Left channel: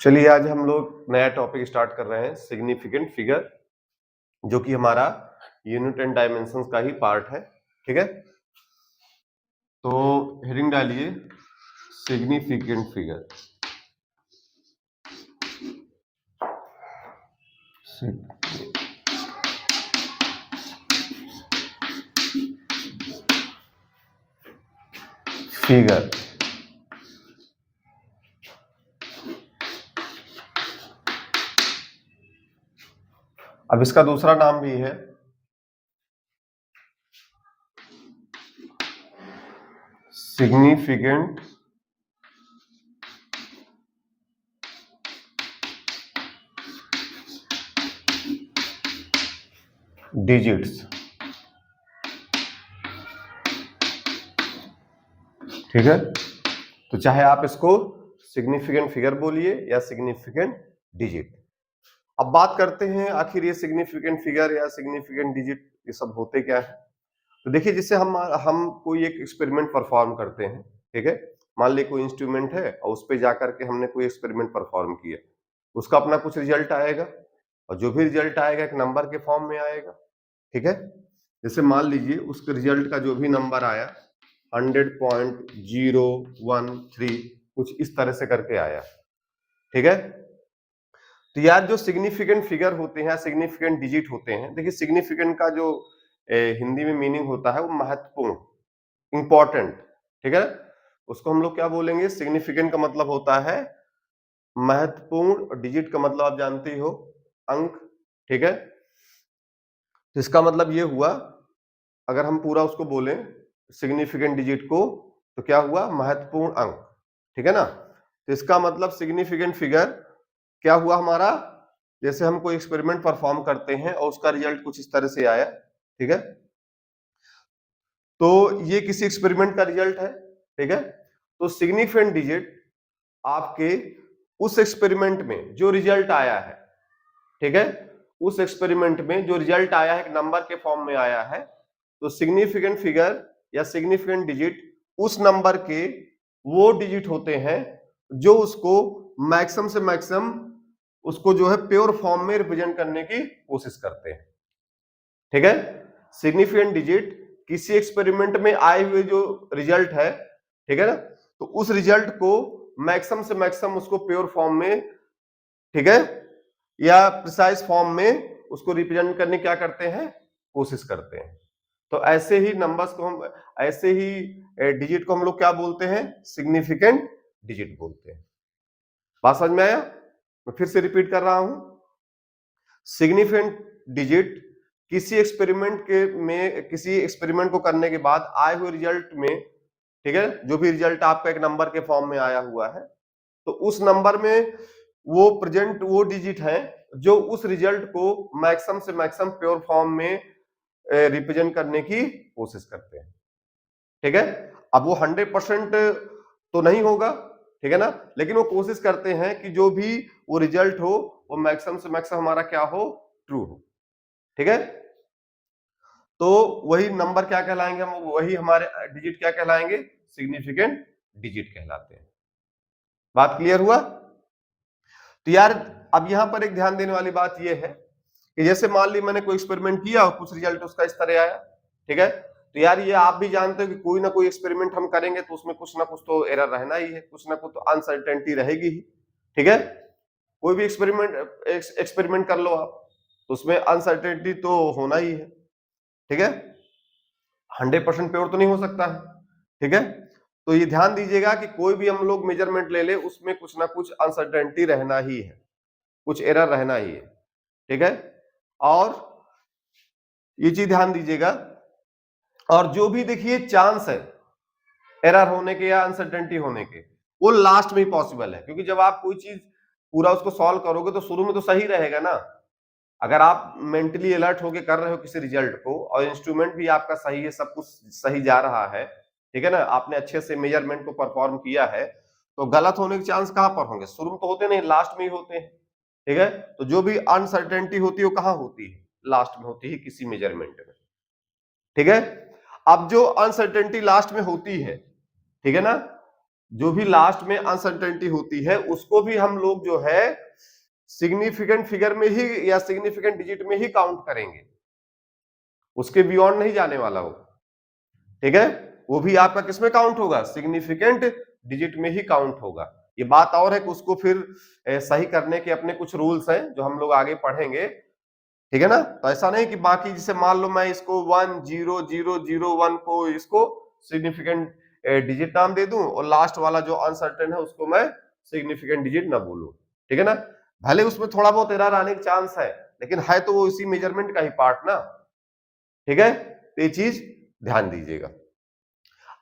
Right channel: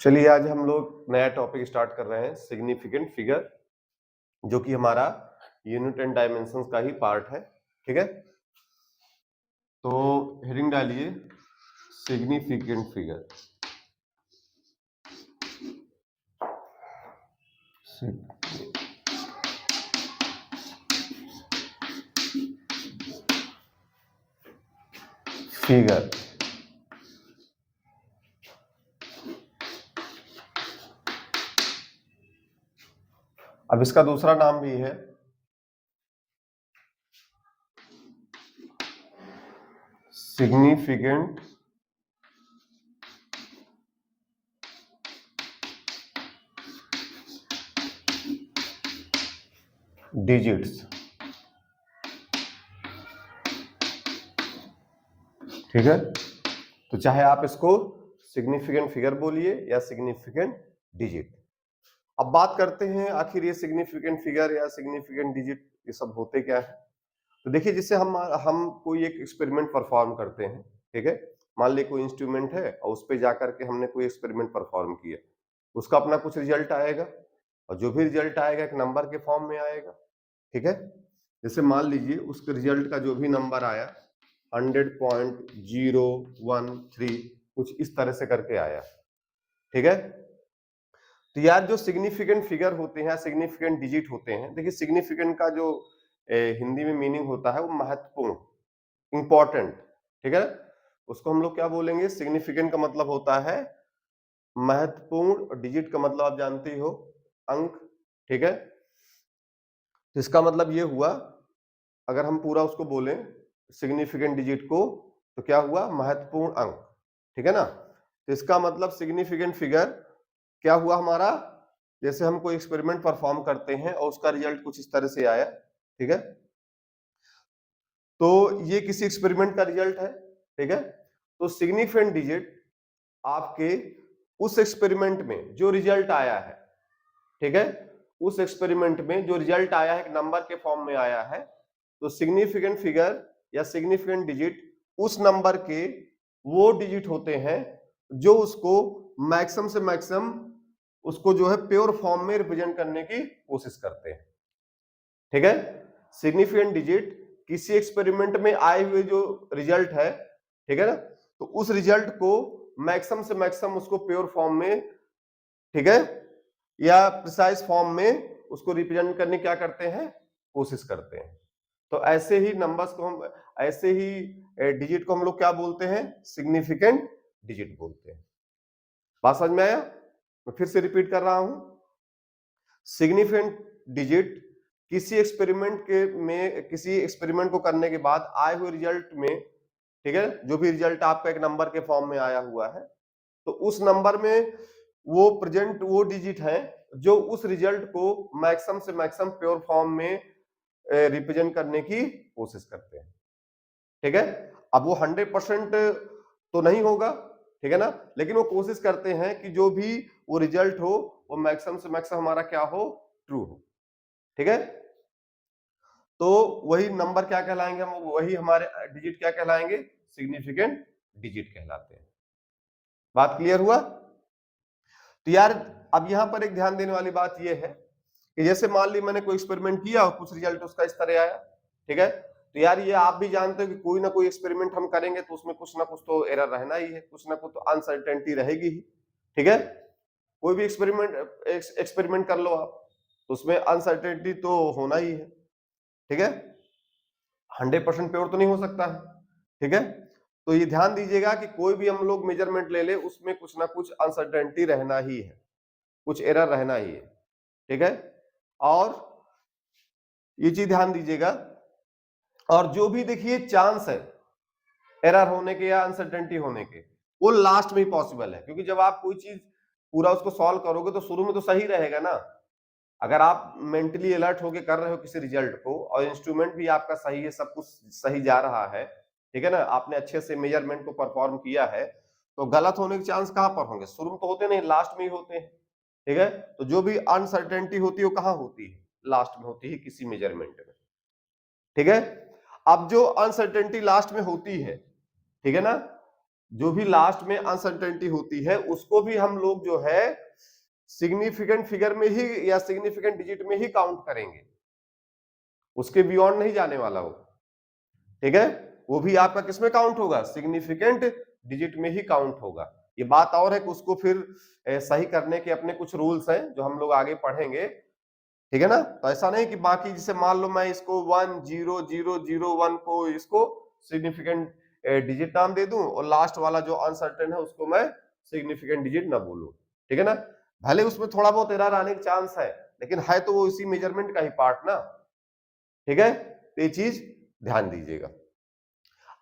चलिए आज हम लोग नया टॉपिक स्टार्ट कर रहे हैं सिग्निफिकेंट फिगर, जो कि हमारा यूनिट एंड डायमेंशंस का ही पार्ट है। ठीक है, तो हेडिंग डालिए सिग्निफिकेंट फिगर। फिगर अब इसका दूसरा नाम भी है सिग्निफिकेंट डिजिट्स। ठीक है, तो चाहे आप इसको सिग्निफिकेंट फिगर बोलिए या सिग्निफिकेंट डिजिट। अब बात करते हैं आखिर ये सिग्निफिकेंट फिगर या सिग्निफिकेंट डिजिट ये सब होते क्या है। तो देखिए, जिससे हम कोई एक एक्सपेरिमेंट परफॉर्म करते हैं। ठीक है, मान लीजिए कोई इंस्ट्रूमेंट है और उस पे जाकर के हमने कोई एक्सपेरिमेंट परफॉर्म किया, उसका अपना कुछ रिजल्ट आएगा और जो भी रिजल्ट आएगा एक नंबर के फॉर्म में आएगा। ठीक है, जैसे मान लीजिए उसके रिजल्ट का जो भी नंबर आया 100.013 कुछ इस तरह से करके आया। ठीक है, तो यार जो सिग्निफिकेंट फिगर होते हैं, सिग्निफिकेंट डिजिट होते हैं, देखिए सिग्निफिकेंट का जो हिंदी में मीनिंग होता है वो महत्वपूर्ण, इंपॉर्टेंट। ठीक है, उसको हम लोग क्या बोलेंगे, सिग्निफिकेंट का मतलब होता है महत्वपूर्ण और डिजिट का मतलब आप जानते ही हो अंक। ठीक है, तो इसका मतलब ये हुआ, अगर हम पूरा उसको बोलें सिग्निफिकेंट डिजिट को, तो क्या हुआ, महत्वपूर्ण अंक। ठीक है ना, तो इसका मतलब सिग्निफिकेंट फिगर क्या हुआ हमारा, जैसे हम कोई एक्सपेरिमेंट परफॉर्म करते हैं और उसका रिजल्ट कुछ इस तरह से आया। ठीक है, तो ये किसी एक्सपेरिमेंट का रिजल्ट है। ठीक है, तो सिग्निफिकेंट डिजिट आपके उस एक्सपेरिमेंट में जो रिजल्ट आया है, ठीक है, उस एक्सपेरिमेंट में जो रिजल्ट आया है एक नंबर के फॉर्म में आया है, तो सिग्निफिकेंट फिगर या सिग्निफिकेंट डिजिट उस नंबर के वो डिजिट होते हैं जो उसको मैक्सिमम से मैक्सिमम उसको जो है प्योर फॉर्म में रिप्रेजेंट करने की कोशिश करते हैं। ठीक है, सिग्निफिकेंट डिजिट किसी एक्सपेरिमेंट में आए हुए जो रिजल्ट है, ठीक है ना, तो उस रिजल्ट को मैक्सिमम से मैक्सिमम उसको प्योर फॉर्म में, ठीक है, या प्रिसाइज फॉर्म में उसको रिप्रेजेंट करने क्या करते हैं, कोशिश करते हैं। तो ऐसे ही नंबर्स को हम, ऐसे ही डिजिट को हम लोग क्या बोलते हैं, सिग्निफिकेंट डिजिट बोलते हैं। बात समझ में आया, मैं फिर से रिपीट कर रहा हूं, सिग्निफिकेंट डिजिट किसी एक्सपेरिमेंट के में, किसी एक्सपेरिमेंट को करने के बाद आए हुए रिजल्ट में, ठीक है, जो भी रिजल्ट आपका एक नंबर के फॉर्म में आया हुआ है, तो उस नंबर में वो प्रेजेंट वो डिजिट है जो उस रिजल्ट को मैक्सिमम से मैक्सिमम प्योर फॉर्म में रिप्रेजेंट करने की कोशिश करते हैं। ठीक है, अब वो 100% तो नहीं होगा, ठीक है ना, लेकिन वो कोशिश करते हैं कि जो भी वो रिजल्ट हो वो मैक्सिमम से मैक्सिमम हमारा क्या हो, ट्रू हो। ठीक है, तो वही नंबर क्या कहलाएंगे, हम वही हमारे डिजिट क्या कहलाएंगे, सिग्निफिकेंट डिजिट कहलाते हैं। बात क्लियर हुआ। तो यार अब यहां पर एक ध्यान देने वाली बात यह है कि जैसे मान ली मैंने कोई एक्सपेरिमेंट किया और कुछ रिजल्ट उसका इस तरह आया। ठीक है, तो यार ये आप भी जानते हो कि कोई ना कोई एक्सपेरिमेंट हम करेंगे तो उसमें कुछ ना कुछ तो एरर रहना ही है, कुछ ना कुछ तो अनसर्टेनिटी रहेगी ही। ठीक है, कोई भी एक्सपेरिमेंट कर लो आप, तो उसमें अनसर्टेनिटी तो होना ही है। ठीक है, 100% प्योर तो नहीं हो सकता है। ठीक है, तो ये ध्यान दीजिएगा कि कोई भी हम लोग मेजरमेंट ले ले उसमें कुछ ना कुछ अनसर्टेनिटी रहना ही है, कुछ एरर रहना ही है। ठीक है, और ये चीज ध्यान दीजिएगा, और जो भी देखिए चांस है एरर होने के या अनसर्टेनिटी होने के, वो लास्ट में ही पॉसिबल है, क्योंकि जब आप कोई चीज पूरा उसको सॉल्व करोगे तो शुरू में तो सही रहेगा ना। अगर आप मेंटली अलर्ट होके कर रहे हो किसी रिजल्ट को और इंस्ट्रूमेंट भी आपका सही है, सब कुछ सही जा रहा है, ठीक है ना, आपने अच्छे से मेजरमेंट को परफॉर्म किया है, तो गलत होने के चांस कहां पर होंगे, शुरू में तो होते नहीं, लास्ट में ही होते हैं। ठीक है, तो जो भी अनसर्टेनिटी होती है वो कहां होती है, लास्ट में होती है किसी मेजरमेंट में। ठीक है, अब जो अनसर्टेनिटी लास्ट में होती है, ठीक है ना, जो भी लास्ट में अनसर्टेनिटी होती है उसको भी हम लोग जो है सिग्निफिकेंट फिगर में ही या सिग्निफिकेंट डिजिट में ही काउंट करेंगे, उसके बियॉन्ड नहीं जाने वाला वो, ठीक है। वो भी आपका किसमें काउंट होगा, सिग्निफिकेंट डिजिट में ही काउंट होगा। ये बात और है कि उसको फिर सही करने के अपने कुछ रूल्स हैं जो हम लोग आगे पढ़ेंगे, ठीक है ना। तो ऐसा नहीं कि बाकी जैसे मान लो मैं इसको 10001 को इसको सिग्निफिकेंट डिजिट नाम दे दूं और लास्ट वाला जो अनसर्टेन है उसको मैं सिग्निफिकेंट डिजिट ना बोलूं, ठीक है ना। भले उसमें थोड़ा बहुत एरर आने का चांस है, लेकिन है तो वो इसी मेजरमेंट का ही पार्ट ना, ठीक है। तो ये चीज ध्यान दीजिएगा।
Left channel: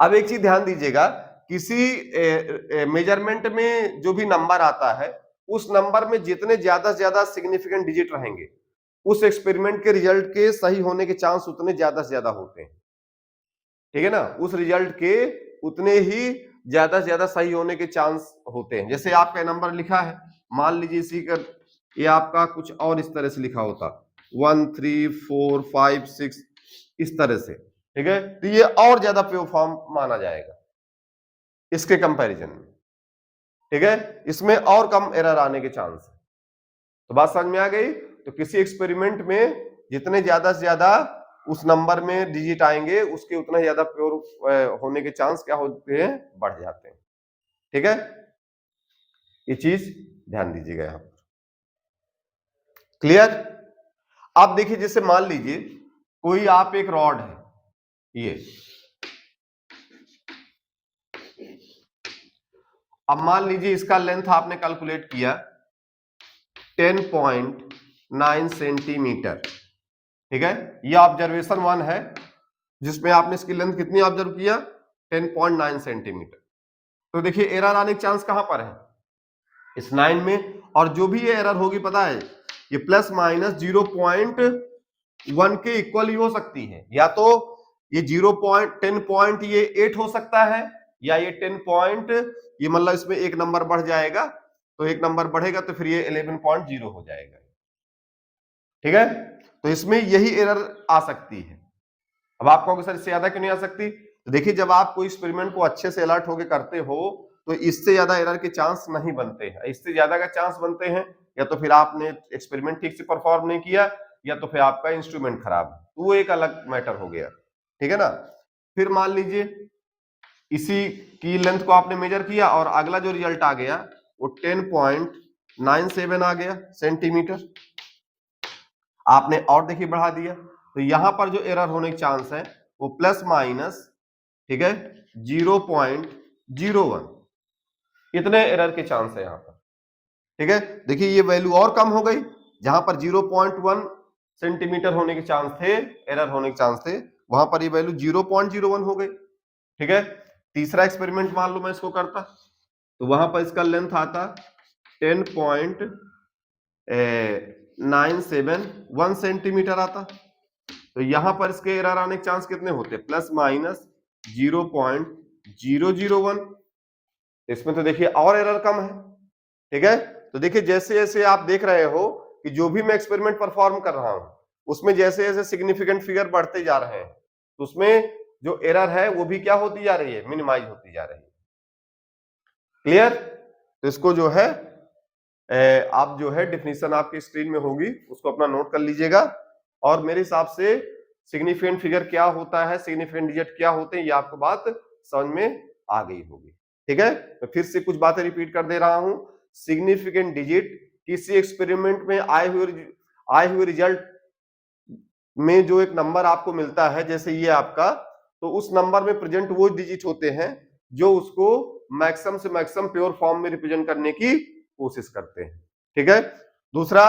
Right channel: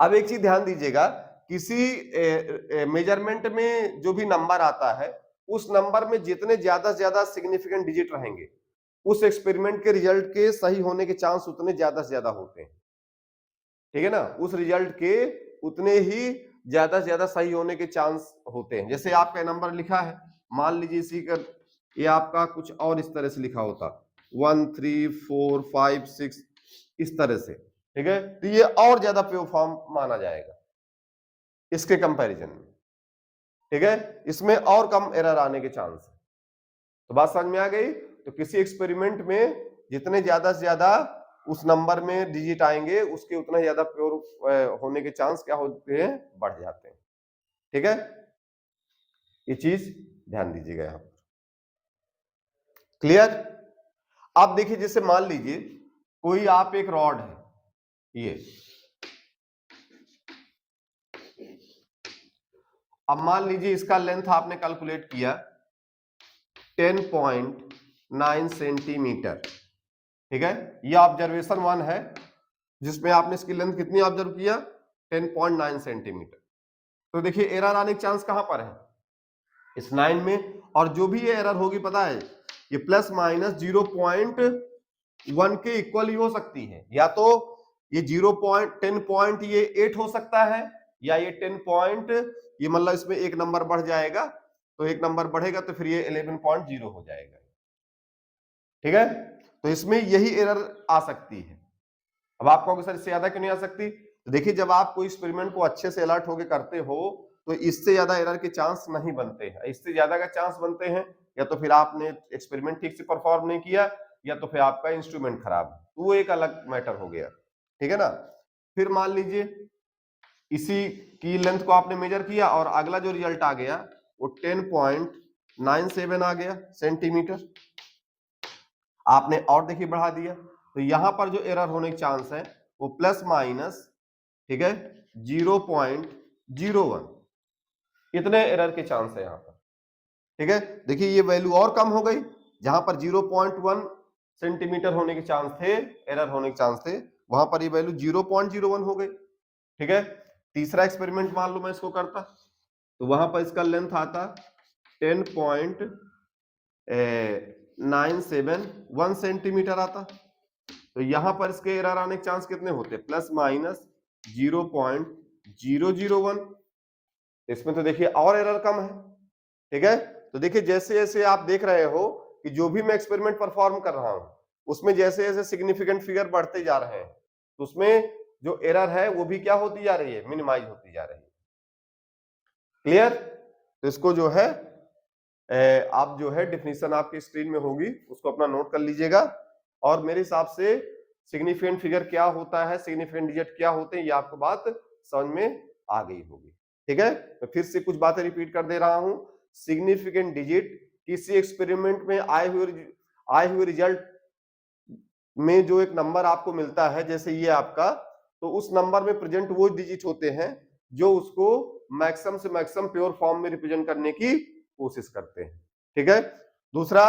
अब एक चीज ध्यान दीजिएगा, किसी मेजरमेंट में जो भी नंबर आता है उस नंबर में जितने ज्यादा से ज्यादा सिग्निफिकेंट डिजिट रहेंगे उस एक्सपेरिमेंट के रिजल्ट के सही होने के चांस उतने ज्यादा से ज्यादा होते हैं, ठीक है ना। उस रिजल्ट के उतने ही ज्यादा से ज्यादा सही होने के चांस होते हैं। जैसे आपका नंबर लिखा है, मान लीजिए इसी का ये आपका कुछ और इस तरह से लिखा होता 1 3 4 5 6 इस तरह से, ठीक है, तो ये और ज्यादा प्योर फॉर्म माना जाएगा इसके कंपैरिजन में, ठीक है। इसमें और कम एरर आने के चांस है। तो बात समझ में आ गई। तो किसी एक्सपेरिमेंट में जितने ज्यादा से ज्यादा उस नंबर में डिजिट आएंगे उसके उतना ज्यादा प्योर होने के चांस क्या होते हैं, बढ़ जाते हैं, ठीक है। ये चीज ध्यान दीजिएगा यहां पर, क्लियर। आप देखिए जैसे मान लीजिए कोई आप एक रॉड है ये, अब मान लीजिए इसका लेंथ आपने कैलकुलेट किया 10.9 सेंटीमीटर, ठीक है। ये ऑब्जर्वेशन 1 है जिसमें आपने इसकी लेंथ कितनी ऑब्जर्व किया 10.9 सेंटीमीटर। तो देखिए एरर आने के चांस कहां पर है, इस 9 में, और जो भी ये एरर होगी पता है ये प्लस माइनस 0.1 के इक्वल ही हो सकती है, या तो ये 10 पॉइंट ये 8 हो सकता है, या ये 10 पॉइंट ये मतलब इसमें एक नंबर बढ़ जाएगा, तो एक नंबर बढ़ेगा तो फिर ये 11.0 हो जाएगा, ठीक है। तो इसमें यही एरर आ सकती है। अब आप कहोगे सर इससे ज्यादा क्यों नहीं आ सकती, तो देखिए जब आप कोई एक्सपेरिमेंट को अच्छे से अलर्ट होकर करते हो तो इससे ज्यादा एरर के चांस नहीं बनते हैं। इससे ज्यादा का चांस बनते हैं या तो फिर आपने एक्सपेरिमेंट ठीक से परफॉर्म नहीं किया या तो फिर आपका इंस्ट्रूमेंट खराब है, तो वो एक अलग मैटर हो गया, ठीक है ना। फिर मान लीजिए इसी की लेंथ को आपने मेजर किया और अगला जो रिजल्ट आ गया वो 10.97 आ गया सेंटीमीटर, आपने और देखिए बढ़ा दिया, तो यहां पर जो एरर होने के चांस है वो प्लस माइनस, ठीक है, 0.01, इतने एरर के चांस है यहां पर, ठीक है। देखिए ये वैल्यू और कम हो गई, जहां पर 0.1 सेंटीमीटर होने के चांस थे, एरर होने के चांस थे, वहां पर ये वैल्यू 0.01 हो गई, ठीक है। तीसरा एक्सपेरिमेंट मान लो मैं इसको करता, तो वहां पर इसका लेंथ आता 10.971 सेंटीमीटर आता, तो यहां पर इसके एरर आने के चांस कितने होते, प्लस माइनस 0.001। इसमें तो देखिए और एरर कम है, ठीक है। तो देखिए जैसे जैसे आप देख रहे हो कि जो भी मैं एक्सपेरिमेंट परफॉर्म कर रहा हूं उसमें जैसे जैसे सिग्निफिकेंट फिगर बढ़ते जा रहे हैं तो उसमें जो एरर है वो भी क्या होती जा रही है, मिनिमाइज होती जा रही है, क्लियर। तो इसको जो है आप जो है डिफिनीशन आपकी स्क्रीन में होगी उसको अपना नोट कर लीजिएगा, और मेरे हिसाब से सिग्निफिकेंट फिगर क्या होता है, सिग्निफिकेंट डिजिट क्या होते हैं, ये आपको बात समझ में आ गई होगी, ठीक है। तो फिर से कुछ बातें रिपीट कर दे रहा हूं। सिग्निफिकेंट डिजिट किसी एक्सपेरिमेंट में आए हुए रिजल्ट में जो एक नंबर आपको मिलता है जैसे ये आपका, तो उस नंबर में प्रेजेंट वो डिजिट होते हैं जो उसको मैक्सिमम से मैक्सिमम प्योर फॉर्म में रिप्रेजेंट करने की कोशिश करते हैं, ठीक है। दूसरा,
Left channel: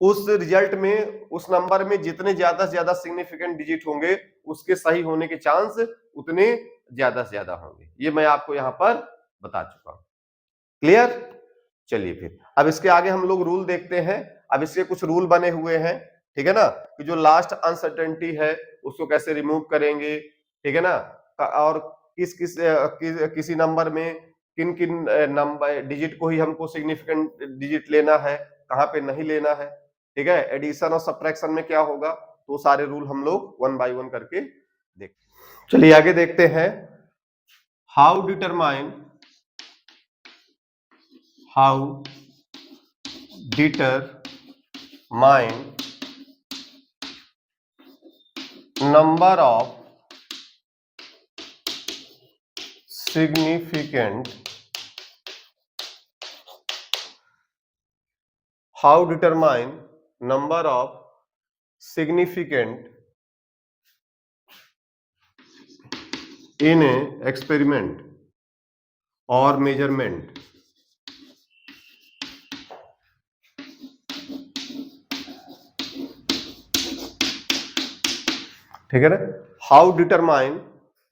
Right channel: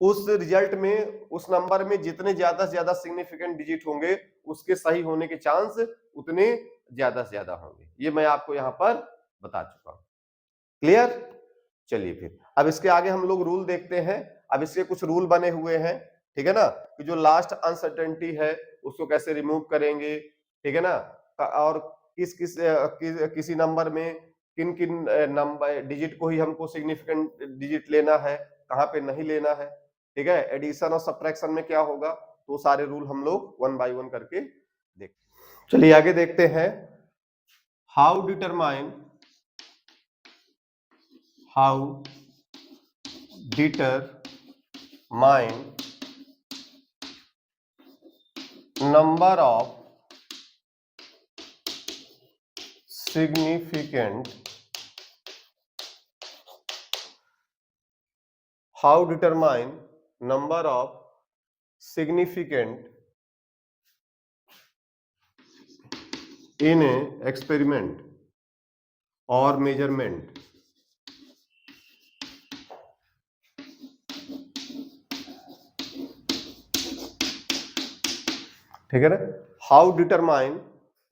उस रिजल्ट में उस नंबर में जितने ज्यादा से ज्यादा सिग्निफिकेंट डिजिट होंगे उसके सही होने के चांस उतने ज्यादा से ज्यादा होंगे, ये मैं आपको यहां पर बता चुका हूं, क्लियर। चलिए फिर अब इसके आगे हम लोग रूल देखते हैं। अब इसके कुछ रूल बने हुए हैं, ठीक है ना, कि जो लास्ट अनसर्टेनिटी है उसको कैसे रिमूव करेंगे, ठीक है ना, और किसी नंबर में किन किन नंबर डिजिट को ही हमको सिग्निफिकेंट डिजिट लेना है, कहां पे नहीं लेना है, ठीक है। एडिशन और सब्ट्रैक्शन में क्या होगा, तो सारे रूल हम लोग वन बाय वन करके देखते हैं। चलिए आगे देखते हैं। How determine number of significant how determine number of significant in a experiment or measurement. ठीक है ना, how determine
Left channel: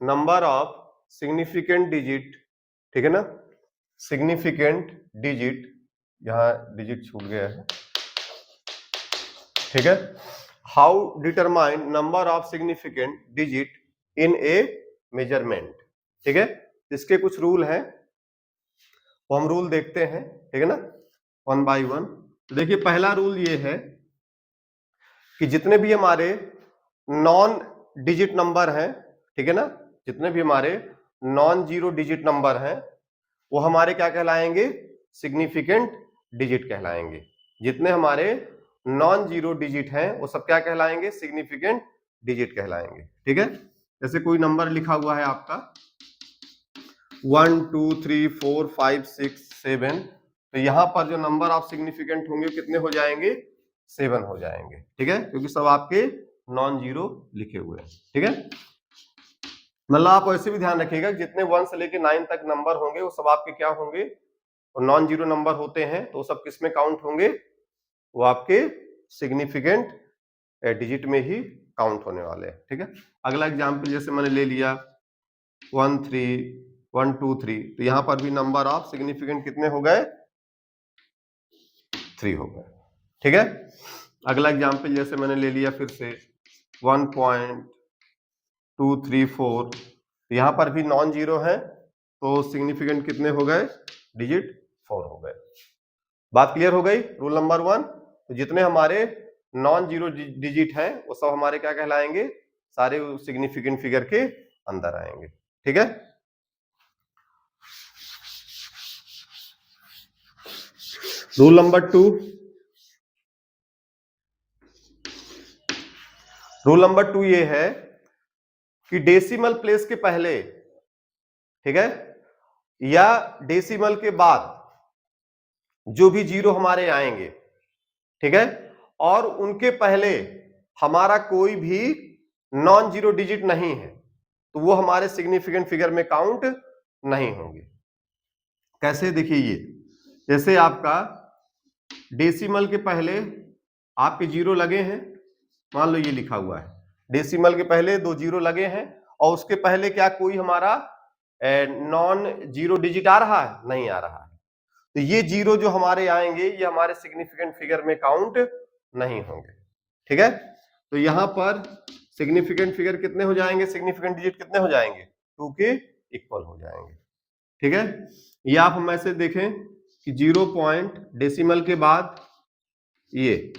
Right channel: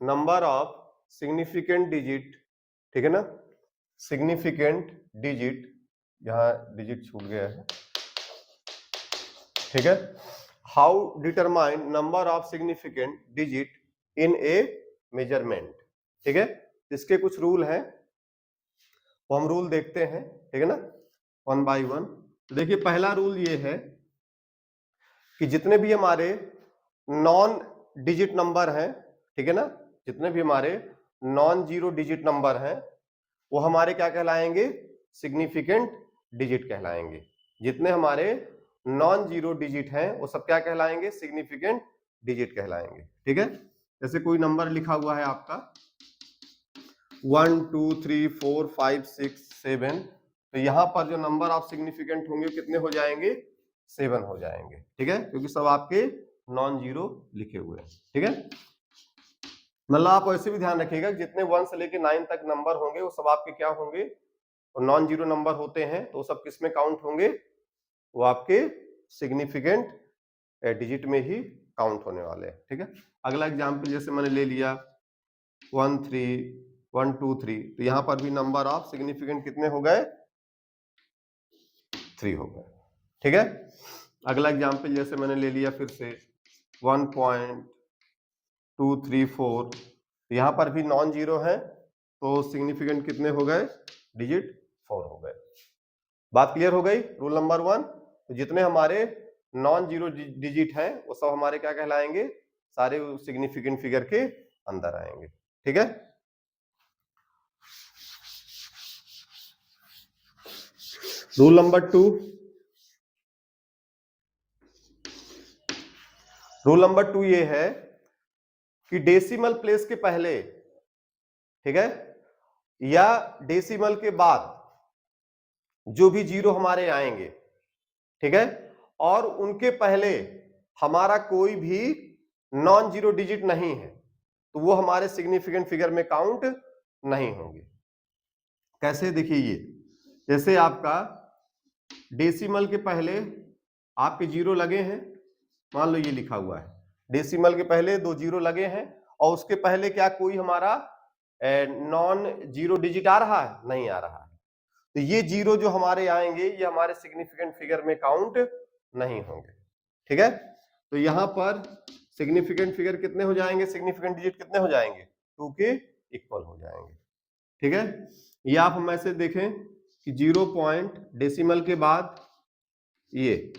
number of significant digit, ठीक है ना, सिग्निफिकेंट डिजिट, यहां डिजिट छूट गया है, ठीक है, how determine number of significant digit in A measurement, ठीक है। इसके कुछ रूल हैं, वो हम रूल देखते हैं, ठीक है ना, वन बाय वन। तो देखिए पहला रूल ये है कि जितने भी हमारे नॉन डिजिट नंबर हैं, ठीक है ना, जितने भी हमारे नॉन जीरो डिजिट नंबर हैं वो हमारे क्या कहलाएंगे, सिग्निफिकेंट डिजिट कहलाएंगे। जितने हमारे नॉन जीरो डिजिट हैं वो सब क्या कहलाएंगे, सिग्निफिकेंट डिजिट कहलाएंगे, ठीक है। जैसे कोई नंबर लिखा हुआ है आपका 1 2 3 4 5 6 7, तो यहां पर जो नंबर ऑफ सिग्निफिकेंट होंगे कितने हो जाएंगे, 7 हो जाएंगे, ठीक है, क्योंकि सब आपके नॉन जीरो लिखे हुए हैं, ठीक है। मतलब आप ऐसे भी ध्यान रखिएगा जितने 1 से लेके 9 तक नंबर होंगे वो सब आपके क्या होंगे, और नॉन जीरो नंबर होते हैं तो सब किस में काउंट होंगे, वो आपके सिग्निफिकेंट डिजिट में ही काउंट होने वाले हैं, ठीक है। अगला एग्जांपल जैसे मैंने ले लिया 1 3 1 2 3, तो यहां पर भी नंबर ऑफ सिग्निफिकेंट कितने हो गए, 3 हो गए, ठीक है। अगला एग्जांपल जैसे मैंने ले लिया फिर से 1.234, तो यहां पर भी नॉन जीरो है तो सिग्निफिकेंट कितने हो गए, डिजिट 4 हो गए। बात क्लियर हो गई, रूल नंबर 1। तो जितने हमारे नॉन जीरो डिजिट हैं वो सब हमारे क्या कहलाएंगे, सारे सिग्निफिकेंट फिगर के अंदर आएंगे, ठीक है। रूल नंबर 2, रूल नंबर 2 ये है कि डेसिमल प्लेस के पहले, ठीक है, या डेसिमल के बाद जो भी जीरो हमारे आएंगे, ठीक है, और उनके पहले हमारा कोई भी नॉन जीरो डिजिट नहीं है तो वो हमारे सिग्निफिकेंट फिगर में काउंट नहीं होंगे। कैसे, देखिए ये जैसे आपका डेसिमल के पहले आपके जीरो लगे हैं, मान लो ये लिखा हुआ है डेसिमल के पहले 2 जीरो लगे हैं और उसके पहले क्या कोई हमारा नॉन जीरो डिजिट आ रहा है, नहीं आ रहा है, तो ये जीरो जो हमारे आएंगे ये हमारे सिग्निफिकेंट फिगर में काउंट नहीं होंगे, ठीक है। तो यहां पर सिग्निफिकेंट फिगर कितने हो जाएंगे, सिग्निफिकेंट डिजिट कितने हो जाएंगे, 2 के इक्वल हो जाएंगे, ठीक है। ये आप हम ऐसे देखें कि 0 पॉइंट डेसिमल के बाद ये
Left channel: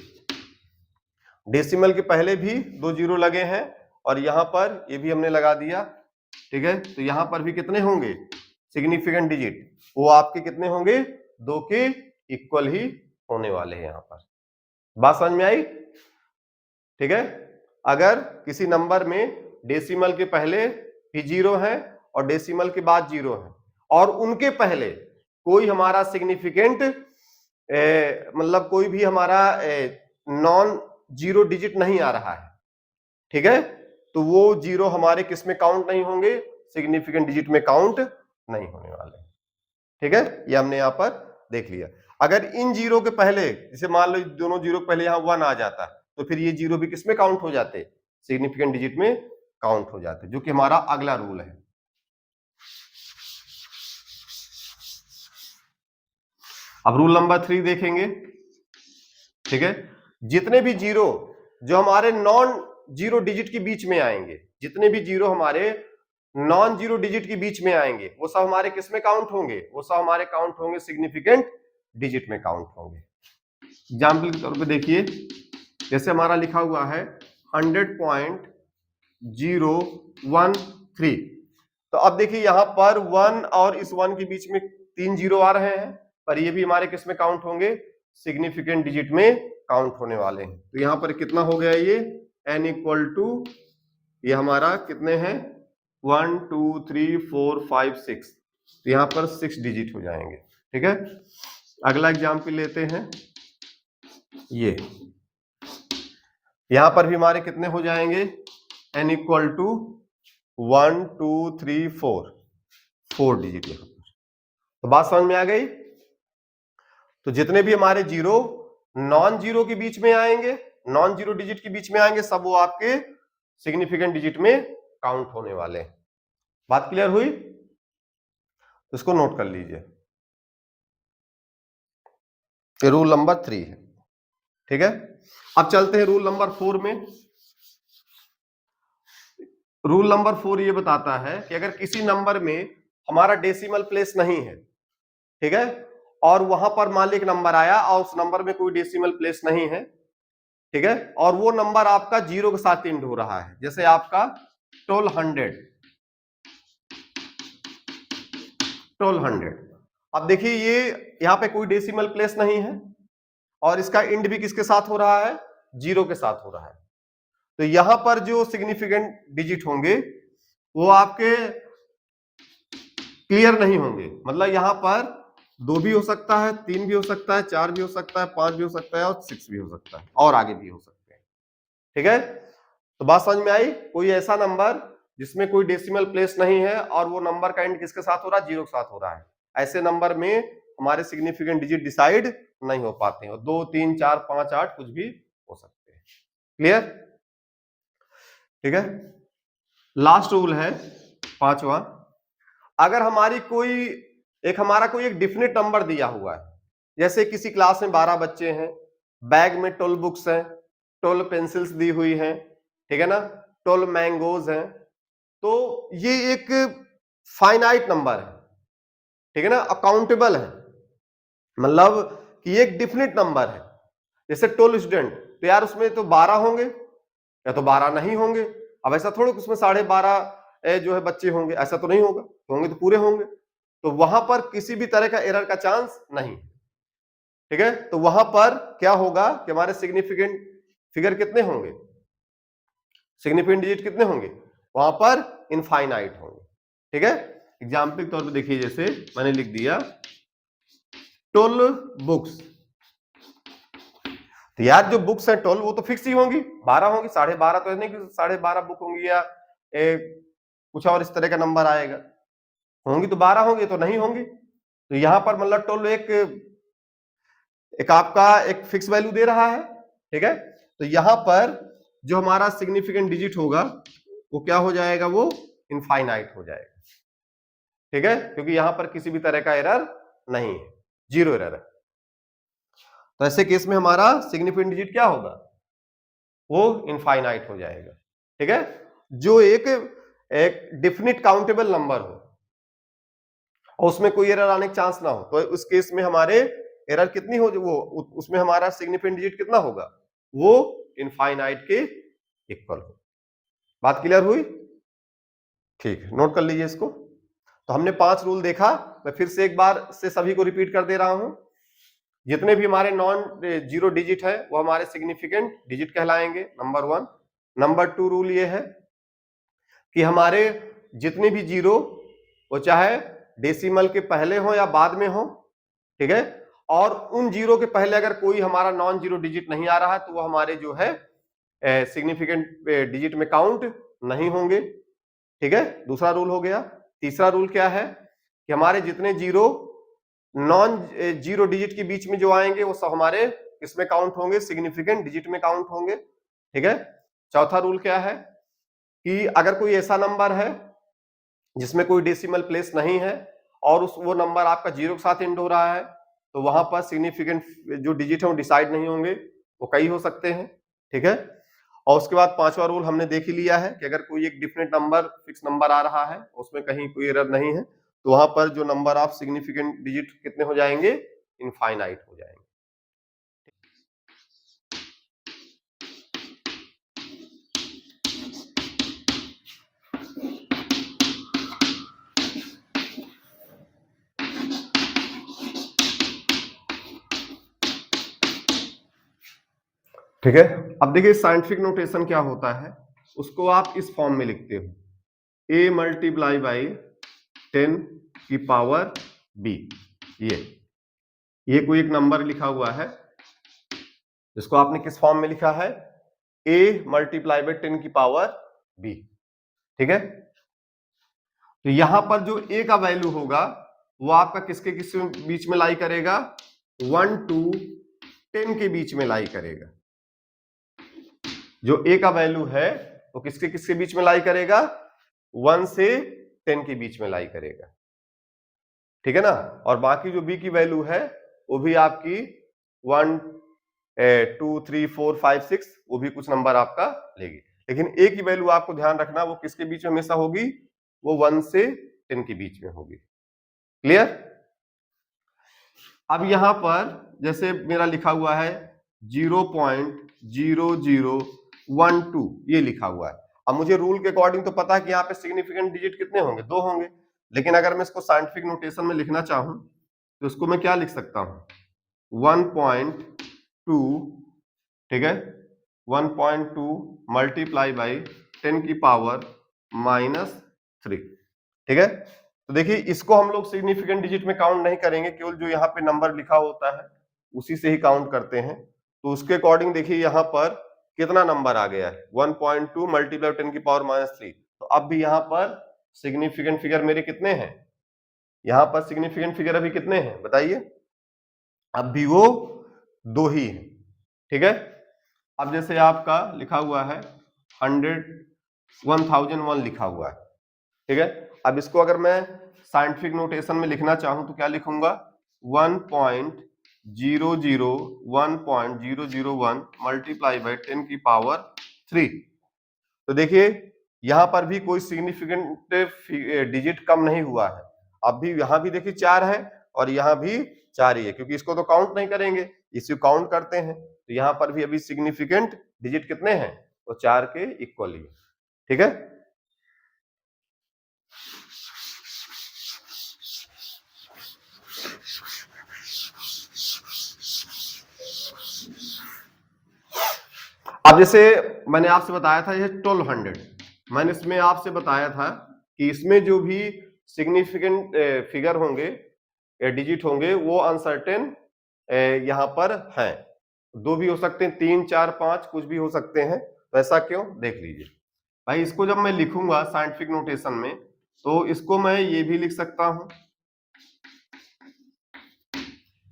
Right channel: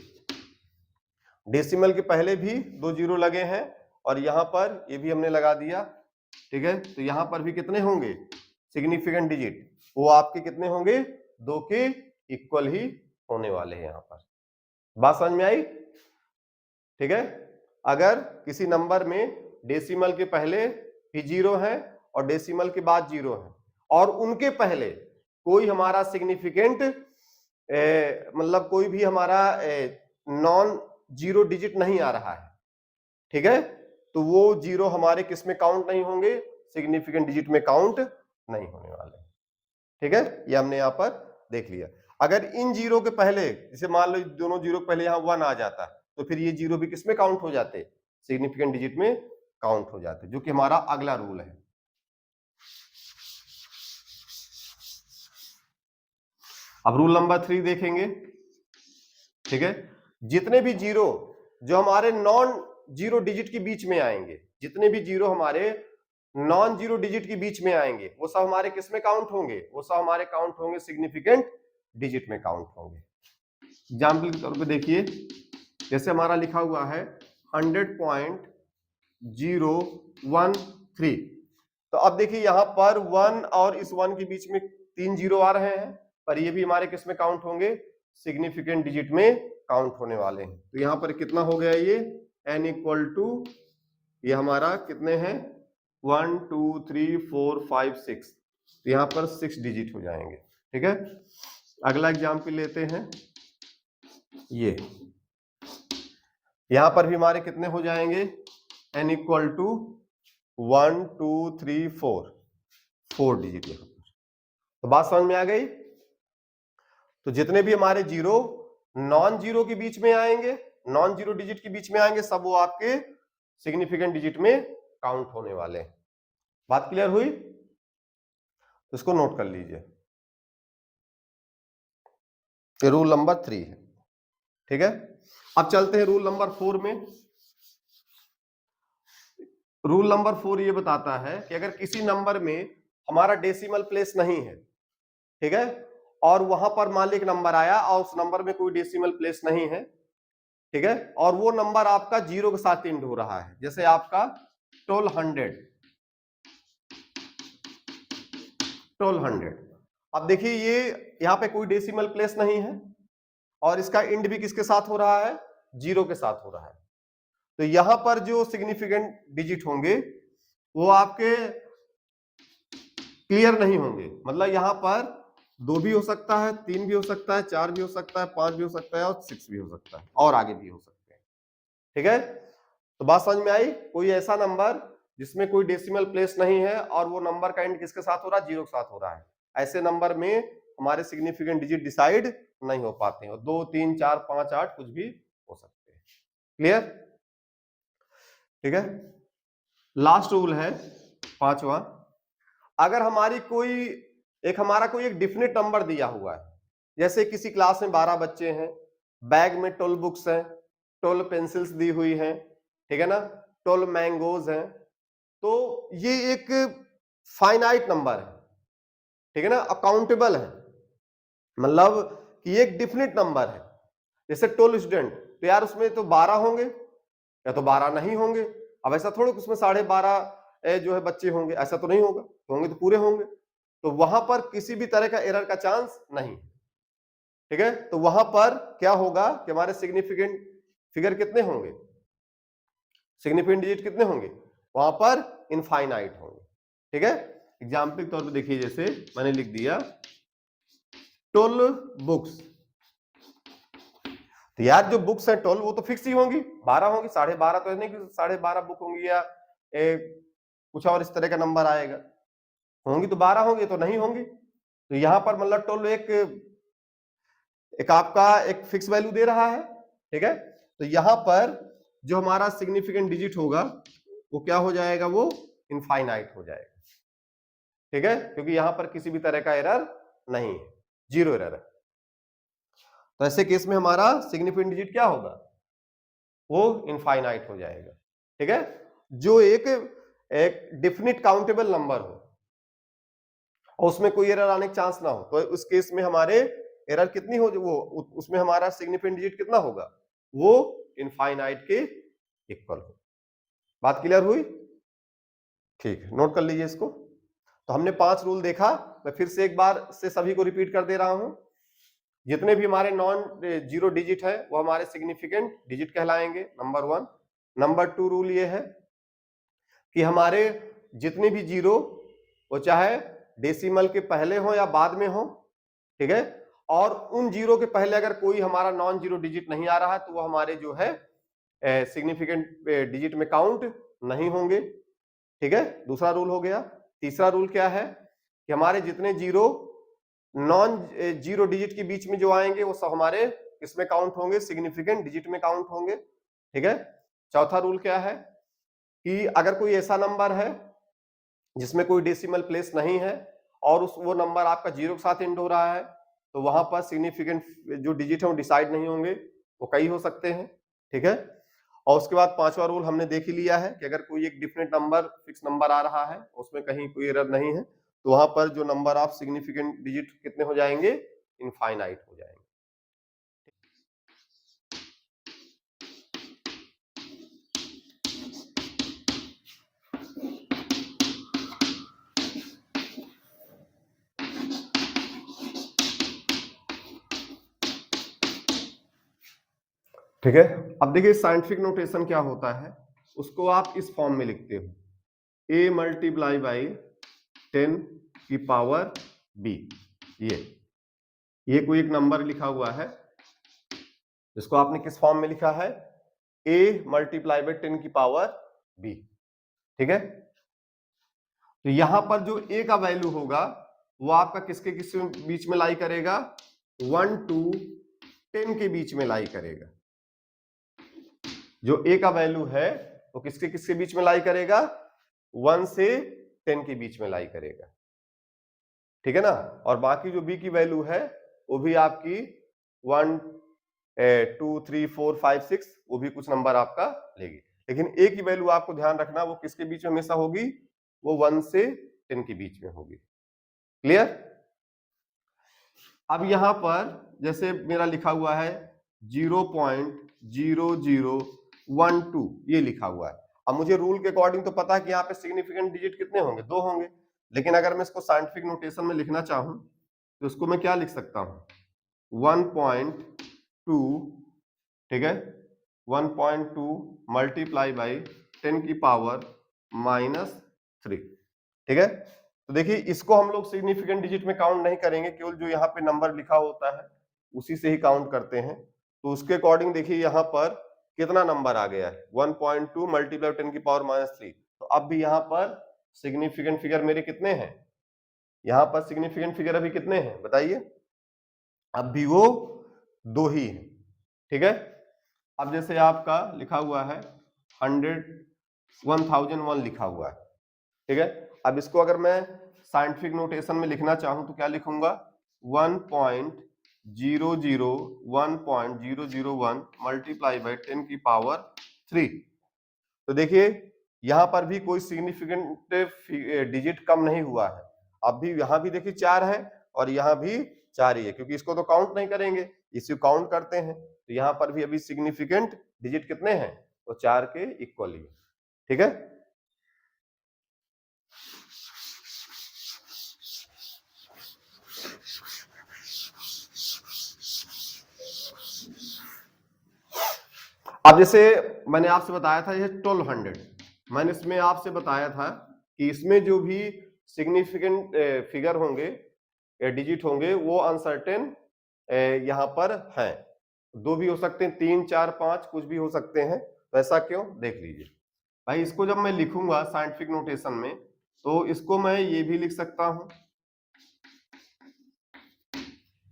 डेसिमल के पहले भी 2 जीरो लगे हैं और यहां पर ये भी हमने लगा दिया, ठीक है। तो यहां पर भी कितने होंगे सिग्निफिकेंट डिजिट, वो आपके कितने होंगे, 2 के इक्वल ही होने वाले हैं। यहां पर बात समझ में आई, ठीक है। अगर किसी नंबर में डेसिमल के पहले भी जीरो है और डेसिमल के बाद जीरो है और उनके पहले कोई हमारा सिग्निफिकेंट मतलब कोई भी हमारा नॉन जीरो डिजिट नहीं आ रहा है, ठीक है, तो वो जीरो हमारे किस में काउंट नहीं होंगे, सिग्निफिकेंट डिजिट में काउंट नहीं होने वाले, ठीक है। ये हमने यहां पर देख लिया। अगर इन जीरो के पहले जैसे मान लो दोनों जीरो के पहले यहां 1 आ जाता तो फिर ये जीरो भी किस में काउंट हो जाते, सिग्निफिकेंट डिजिट में काउंट हो जाते, जो कि हमारा अगला रूल है। अब रूल नंबर 3 देखेंगे, ठीक है। जितने भी जीरो जो हमारे नॉन जीरो डिजिट के बीच में आएंगे, जितने भी जीरो हमारे नॉन जीरो डिजिट के बीच में आएंगे वो सब हमारे किस में काउंट होंगे, वो सब हमारे काउंट होंगे सिग्निफिकेंट डिजिट में काउंट होंगे। एग्जाम्पल के तौर पे देखिए जैसे हमारा लिखा हुआ है 100.013, तो अब देखिए यहाँ पर 1 और इस 1 के बीच में 3 जीरो आ रहे हैं, पर ये भी हमारे किस में काउंट होंगे, सिग्निफिकेंट डिजिट में काउंट होने वाले हैं। तो यहाँ पर कितना हो गया ये n इक्वल टू, ये हमारा कितने हैं 1 2 3 4 5 6, तो यहाँ पर 6 डिजिट हो जाएंगे। ठीक है, अगला एग्जाम्पल लेते हैं, ये यहां पर भी हमारे कितने हो जाएंगे n इक्वल टू 1 2 3 4 डिजिट यहाँ पर। तो बात समझ में आ गई। तो जितने भी हमारे जीरो नॉन जीरो के बीच में आएंगे, नॉन जीरो डिजिट के बीच में आएंगे, सब वो आपके सिग्निफिकेंट डिजिट में काउंट होने वाले हैं। बात क्लियर हुई, तो इसको नोट कर लीजिए, ये रूल नंबर 3 है। ठीक है, अब चलते हैं रूल नंबर 4 में। रूल नंबर 4 ये बताता है कि अगर किसी नंबर में हमारा डेसिमल प्लेस नहीं है, ठीक है, और वहां पर मान लीजिए नंबर आया और उस नंबर में कोई डेसिमल प्लेस नहीं है, ठीक है, और वो नंबर आपका जीरो के साथ एंड हो रहा है, जैसे आपका 1200। अब देखिए ये यहाँ पे कोई डेसिमल प्लेस नहीं है और इसका एंड भी किसके साथ हो रहा है, जीरो के साथ हो रहा है। तो यहां पर जो सिग्निफिकेंट डिजिट होंगे वो आपके क्लियर नहीं होंगे, मतलब यहां पर 2 भी हो सकता है, 3 भी हो सकता है, 4 भी हो सकता है, 5 भी हो सकता है और 6 भी हो सकता है और आगे भी हो सकते हैं। ठीक है, तो बात समझ में आई। कोई ऐसा नंबर जिसमें कोई डेसिमल प्लेस नहीं है और वो नंबर का एंड किसके साथ हो रहा है, जीरो के साथ हो रहा है, ऐसे नंबर में हमारे सिग्निफिकेंट डिजिट डिसाइड नहीं हो पाते हैं। 2 3 4 5 8 कुछ भी हो सकते हैं। क्लियर, ठीक है। लास्ट रूल है 5वां, अगर हमारी हमारा कोई एक डिफिनिट नंबर दिया हुआ है, जैसे किसी क्लास में 12 बच्चे हैं, बैग में 12 बुक्स हैं, 12 पेंसिल्स दी हुई हैं, ठीक है ना, 12 मैंगोज हैं, तो ये एक फाइनाइट नंबर है, ठीक है ना, अकाउंटेबल है, मतलब कि एक डिफिनिट नंबर है। जैसे 12 स्टूडेंट, तो यार उसमें तो 12 होंगे या तो 12 नहीं होंगे। अब ऐसा थोड़ा उसमें 12.5 जो है बच्चे होंगे, ऐसा तो नहीं होगा, होंगे तो पूरे होंगे। तो वहां पर किसी भी तरह का एरर का चांस नहीं, ठीक है। तो वहां पर क्या होगा कि हमारे सिग्निफिकेंट फिगर कितने होंगे, सिग्निफिकेंट डिजिट कितने होंगे, वहां पर इनफाइनाइट होंगे। ठीक है, एग्जाम्पल के तौर पर देखिए, जैसे मैंने लिख दिया 12 बुक्स, तो यार जो बुक्स है 12 वो तो फिक्स ही होंगी, 12 होंगी, 12.5 तो नहीं कि 12.5 बुक होंगी या कुछ और इस तरह का नंबर आएगा, होंगी तो 12 होंगी, तो नहीं होंगी। तो यहां पर मतलब 12 एक आपका एक फिक्स वैल्यू दे रहा है, ठीक है। तो यहां पर जो हमारा सिग्निफिकेंट डिजिट होगा वो क्या हो जाएगा, वो इनफाइनाइट हो जाएगा, ठीक है, क्योंकि यहां पर किसी भी तरह का एरर नहीं है, जीरो एरर है। तो ऐसे केस में हमारा सिग्निफिकेंट डिजिट क्या होगा, वो इनफाइनाइट हो जाएगा, ठीक है। जो एक डिफिनिट काउंटेबल नंबर हो और उसमें कोई एरर आने का चांस ना हो, तो उस केस में हमारे एरर कितनी हो, वो उसमें हमारा सिग्निफिकेंट डिजिट कितना होगा, वो इनफाइनाइट के इक्वल हो। बात क्लियर हुई, ठीक है, नोट कर लीजिए इसको। तो हमने 5 रूल देखा, मैं फिर से एक बार से सभी को रिपीट कर दे रहा हूं। जितने भी हमारे नॉन जीरो डिजिट है वो हमारे सिग्निफिकेंट डिजिट कहलाएंगे, नंबर 1। नंबर 2 रूल ये है कि हमारे जितने भी जीरो वो चाहे डेसिमल के पहले हो या बाद में हो, ठीक है, और उन जीरो के पहले अगर कोई हमारा नॉन जीरो डिजिट नहीं आ रहा है तो वो हमारे जो है सिग्निफिकेंट डिजिट में काउंट नहीं होंगे, ठीक है, दूसरा रूल हो गया। तीसरा रूल क्या है कि हमारे जितने जीरो नॉन जीरो डिजिट के बीच में जो आएंगे वो सब हमारे इसमें काउंट होंगे, सिग्निफिकेंट डिजिट में काउंट होंगे, ठीक है। चौथा रूल क्या है कि अगर कोई ऐसा नंबर है जिसमें कोई डेसिमल प्लेस नहीं है और वो नंबर आपका जीरो के साथ एंड हो रहा है, तो वहां पर सिग्निफिकेंट जो डिजिट है वो डिसाइड नहीं होंगे, वो कई हो सकते हैं, ठीक है। और उसके बाद 5वां रूल हमने देख ही लिया है कि अगर कोई एक डिफिनेट नंबर फिक्स नंबर आ रहा है, उसमें कहीं कोई एरर नहीं है, तो वहां पर जो नंबर ऑफ सिग्निफिकेंट डिजिट कितने हो जाएंगे, इनफाइनाइट हो जाएंगे। ठीक है। अब देखिए साइंटिफिक नोटेशन क्या होता है, उसको आप इस फॉर्म में लिखते हो, a मल्टीप्लाई बाई 10 की पावर b। ये कोई एक नंबर लिखा हुआ है, इसको आपने किस फॉर्म में लिखा है, a मल्टीप्लाई बाई 10 की पावर b। ठीक है। तो यहां पर जो a का वैल्यू होगा वो आपका किसके किसके बीच में लाई करेगा, 1 to 10 के बीच में लाई करेगा। जो a का वैल्यू है वो किसके किसके बीच में लाई करेगा, 1 से 10 के बीच में लाई करेगा। ठीक है ना। और बाकी जो b की वैल्यू है वो भी आपकी 1 2 3 4 5 6 वो भी कुछ नंबर आपका लेगी, लेकिन a की वैल्यू आपको ध्यान रखना वो किसके बीच में हमेशा होगी, वो 1 से 10 के बीच में होगी। क्लियर। अब यहां पर जैसे मेरा लिखा हुआ है 0.0012 ये लिखा हुआ है। अब मुझे रूल के अकॉर्डिंग तो पता है कि यहाँ पे सिग्निफिकेंट डिजिट कितने होंगे, 2 होंगे, लेकिन अगर मैं इसको साइंटिफिक नोटेशन में लिखना चाहूं तो इसको मैं क्या लिख सकता हूं, 1.2, ठीक है, 1.2 मल्टीप्लाई बाई 10 की पावर -3। ठीक है। तो देखिए इसको हम लोग सिग्निफिकेंट डिजिट में काउंट नहीं करेंगे, केवल जो यहाँ पे नंबर लिखा होता है उसी से ही काउंट करते हैं। तो उसके अकॉर्डिंग देखिए यहाँ पर कितना नंबर आ गया है, 1.2 मल्टीप्लाई 10 की पावर -3। तो अब भी यहाँ पर सिग्निफिकेंट फिगर मेरे कितने हैं, यहाँ पर सिग्निफिकेंट फिगर अभी कितने हैं बताइए, अब भी वो 2 ही है। ठीक है। अब जैसे आपका लिखा हुआ है 1001 लिखा हुआ है। ठीक है। अब इसको अगर मैं साइंटिफिक नोटेशन में लिखना चाहूं तो क्या लिखूंगा, 1.001 मल्टीप्लाई बाई 10 की पावर 3। तो देखिए यहां पर भी कोई सिग्निफिकेंट डिजिट कम नहीं हुआ है, अब भी यहां भी देखिए 4 है और यहां भी 4 ही है, क्योंकि इसको तो काउंट नहीं करेंगे, इसको काउंट करते हैं। तो यहां पर भी अभी सिग्निफिकेंट डिजिट कितने हैं, तो 4 के इक्वली है। ठीक है। अब जैसे मैंने आपसे बताया था ये 1200, मैंने इसमें आपसे बताया था कि इसमें जो भी सिग्निफिकेंट फिगर होंगे, डिजिट होंगे, वो अनसर्टेन यहाँ पर हैं। 2 भी हो सकते हैं, 3 4 5 कुछ भी हो सकते हैं। तो ऐसा क्यों, देख लीजिए भाई। इसको जब मैं लिखूंगा साइंटिफिक नोटेशन में तो इसको मैं ये भी लिख सकता हूं,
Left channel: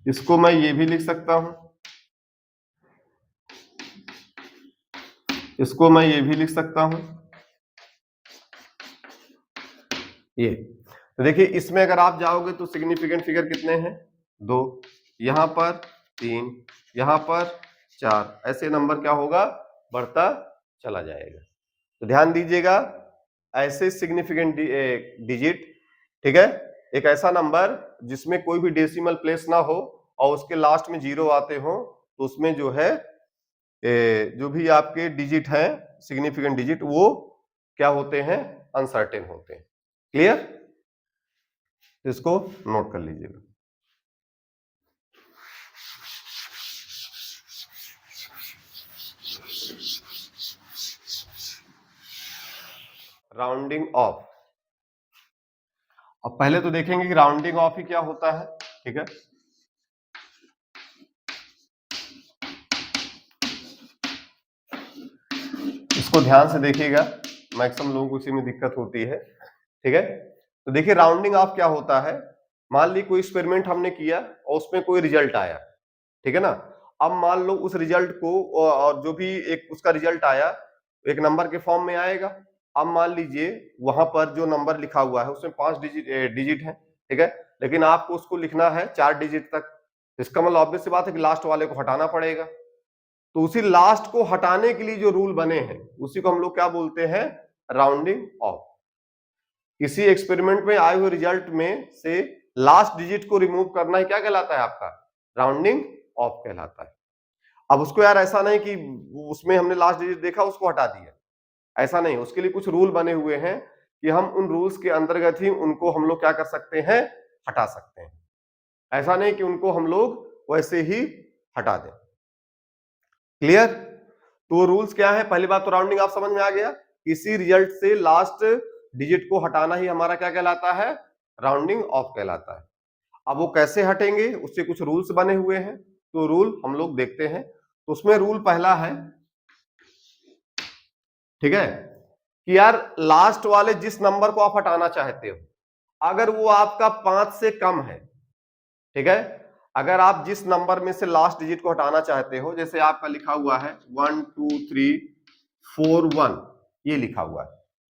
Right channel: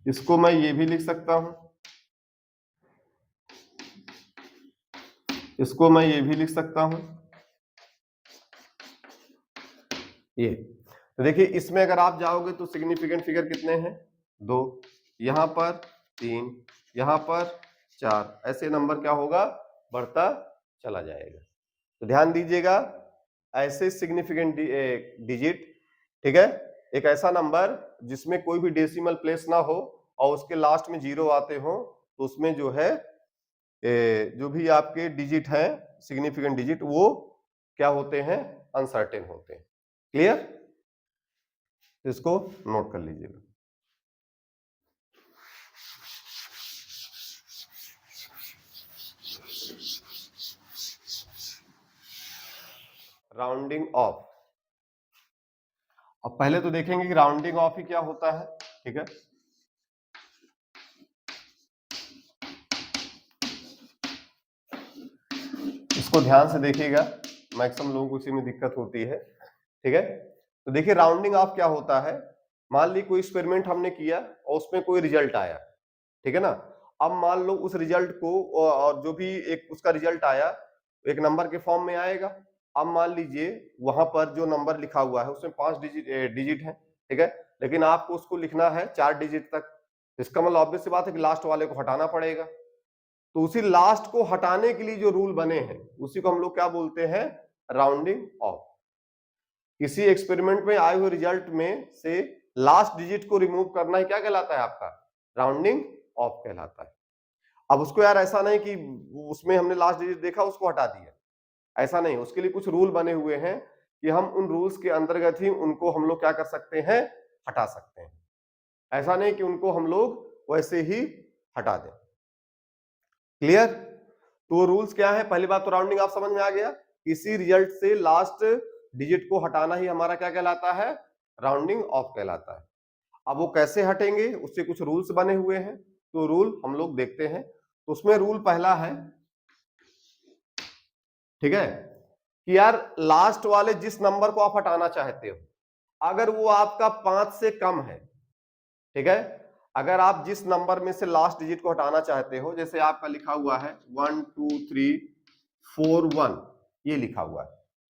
इसको मैं ये भी लिख सकता हूं, इसको मैं ये भी लिख सकता हूं, ये। तो देखिए इसमें अगर आप जाओगे तो सिग्निफिकेंट फिगर कितने हैं, 2, यहां पर 3, यहां पर 4, ऐसे नंबर क्या होगा, बढ़ता चला जाएगा। तो ध्यान दीजिएगा, ऐसे सिग्निफिकेंट डिजिट, ठीक है, एक ऐसा नंबर जिसमें कोई भी डेसिमल प्लेस ना हो और उसके लास्ट में 0 आते हो, तो उसमें जो है जो भी आपके डिजिट हैं सिग्निफिकेंट डिजिट, वो क्या होते हैं, अनसर्टेन होते हैं। क्लियर। इसको नोट कर लीजिएगा। Rounding off. अब पहले तो देखेंगे कि राउंडिंग ऑफ ही क्या होता है। ठीक है। इसको ध्यान से देखिएगा, मैक्सिमम लोगों को इसी में दिक्कत होती है। ठीक है। तो देखिए राउंडिंग ऑफ क्या होता है, मान ली कोई एक्सपेरिमेंट हमने किया और उसमें कोई रिजल्ट आया, ठीक है ना। अब मान लो उस रिजल्ट को, और जो भी एक उसका रिजल्ट आया एक नंबर के फॉर्म में आएगा। अब मान लीजिए वहां पर जो नंबर लिखा हुआ है उसमें 5 डिजिट है, ठीक है, लेकिन आपको उसको लिखना है 4 डिजिट तक। इसका मतलब ऑब्वियस सी बात है कि लास्ट वाले को हटाना पड़ेगा। तो उसी लास्ट को हटाने के लिए जो रूल बने हैं उसी को हम लोग क्या बोलते हैं, राउंडिंग ऑफ। किसी एक्सपेरिमेंट में आए हुए रिजल्ट में से लास्ट डिजिट को रिमूव करना ही क्या कहलाता है आपका, राउंडिंग ऑफ कहलाता है। अब उसको यार ऐसा नहीं कि उसमें हमने लास्ट डिजिट देखा उसको हटा दिया, ऐसा नहीं, उसके लिए कुछ रूल बने हुए हैं कि हम उन रूल्स के अंतर्गत ही उनको हम लोग क्या कर सकते हैं, हटा सकते हैं। ऐसा नहीं कि उनको हम लोग वैसे ही हटा दें। क्लियर। तो रूल्स क्या है? पहली बात तो राउंडिंग आप समझ में आ गया, किसी रिजल्ट से लास्ट डिजिट को हटाना ही हमारा क्या कहलाता है? राउंडिंग ऑफ कहलाता है। अब वो कैसे हटेंगे, उससे कुछ रूल्स बने हुए हैं, तो रूल हम लोग देखते हैं। तो उसमें रूल पहला है, ठीक है, कि यार लास्ट वाले जिस नंबर को आप हटाना चाहते हो, अगर वो आपका 5 से कम है, ठीक है, अगर आप जिस नंबर में से लास्ट डिजिट को हटाना चाहते हो, जैसे आपका लिखा हुआ है 1 2 3 4 1, ये लिखा हुआ है,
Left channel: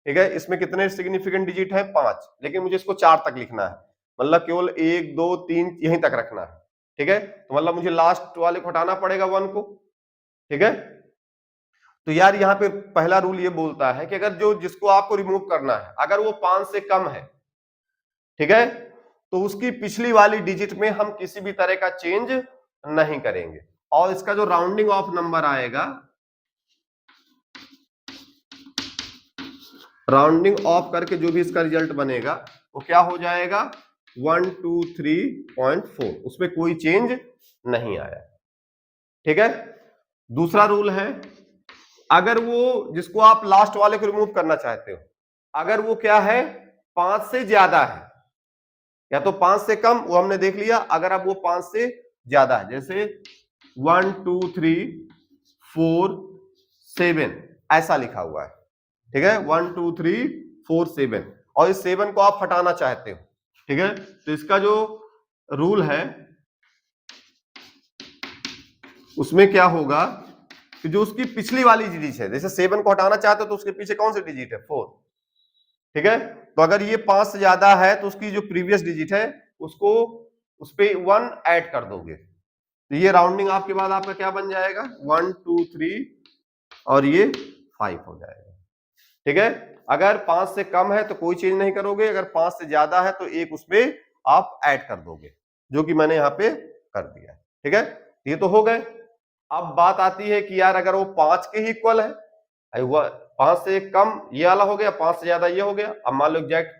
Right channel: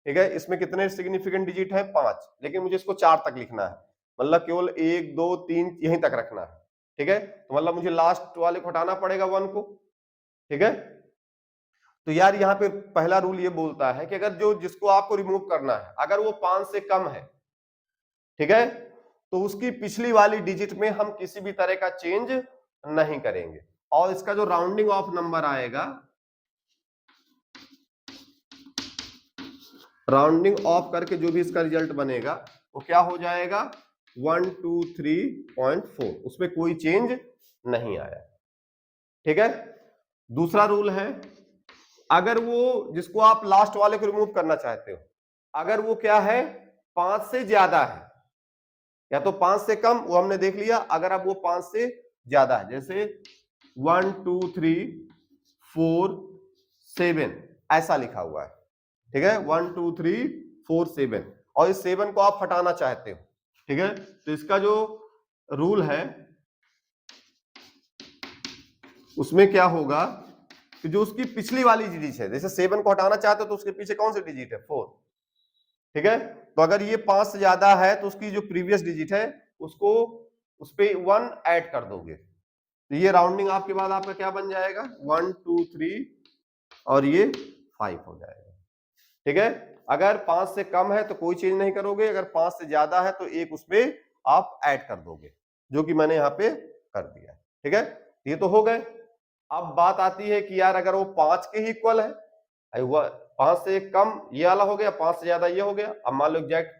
ठीक है, इसमें कितने सिग्निफिकेंट डिजिट है? 5, लेकिन मुझे इसको 4 तक लिखना है, मतलब केवल 1 2 3 यहीं तक रखना है, ठीक है, तो मतलब मुझे लास्ट वाले को हटाना पड़ेगा 1 को, ठीक है। तो यार यहाँ पे पहला रूल ये बोलता है कि अगर जो जिसको आपको रिमूव करना है, अगर वो 5 से कम है, ठीक है, तो उसकी पिछली वाली डिजिट में हम किसी भी तरह का चेंज नहीं करेंगे, और इसका जो राउंडिंग ऑफ नंबर आएगा, राउंडिंग ऑफ करके जो भी इसका रिजल्ट बनेगा वो क्या हो जाएगा? 123.4, उसमें कोई चेंज नहीं आया, ठीक है। दूसरा रूल है, अगर वो जिसको आप लास्ट वाले को रिमूव करना चाहते हो, अगर वो क्या है? 5 से ज्यादा है, या तो 5 से कम, वो हमने देख लिया, अगर अब वो 5 से ज्यादा है, जैसे 1 2 3 4 7 ऐसा लिखा हुआ है, ठीक है, 1 2 3 4 7, और इस 7 को आप हटाना चाहते हो, ठीक है, तो इसका जो रूल है उसमें क्या होगा कि जो उसकी पिछली वाली डिजिट है, जैसे 7 को हटाना चाहते हो तो उसके पीछे कौन सी डिजिट है? 4, ठीक है, तो अगर ये 5 से ज्यादा है तो उसकी जो प्रीवियस डिजिट है उसको उस पे 1 ऐड कर दोगे, तो ये राउंडिंग आपके बाद आपका क्या बन जाएगा? 1 2 3 और ये 5 हो जाएगा, ठीक है। अगर 5 से कम है तो कोई चेंज नहीं करोगे, अगर 5 से ज्यादा है तो एक उसमें आप ऐड कर दोगे, जो कि मैंने यहाँ पे कर दिया, ठीक है। ये तो हो गए। अब बात आती है कि यार अगर वो 5 के ही इक्वल है, 5 से कम ये वाला हो गया, 5 से ज्यादा ये हो गया, अब मान लो एग्जैक्ट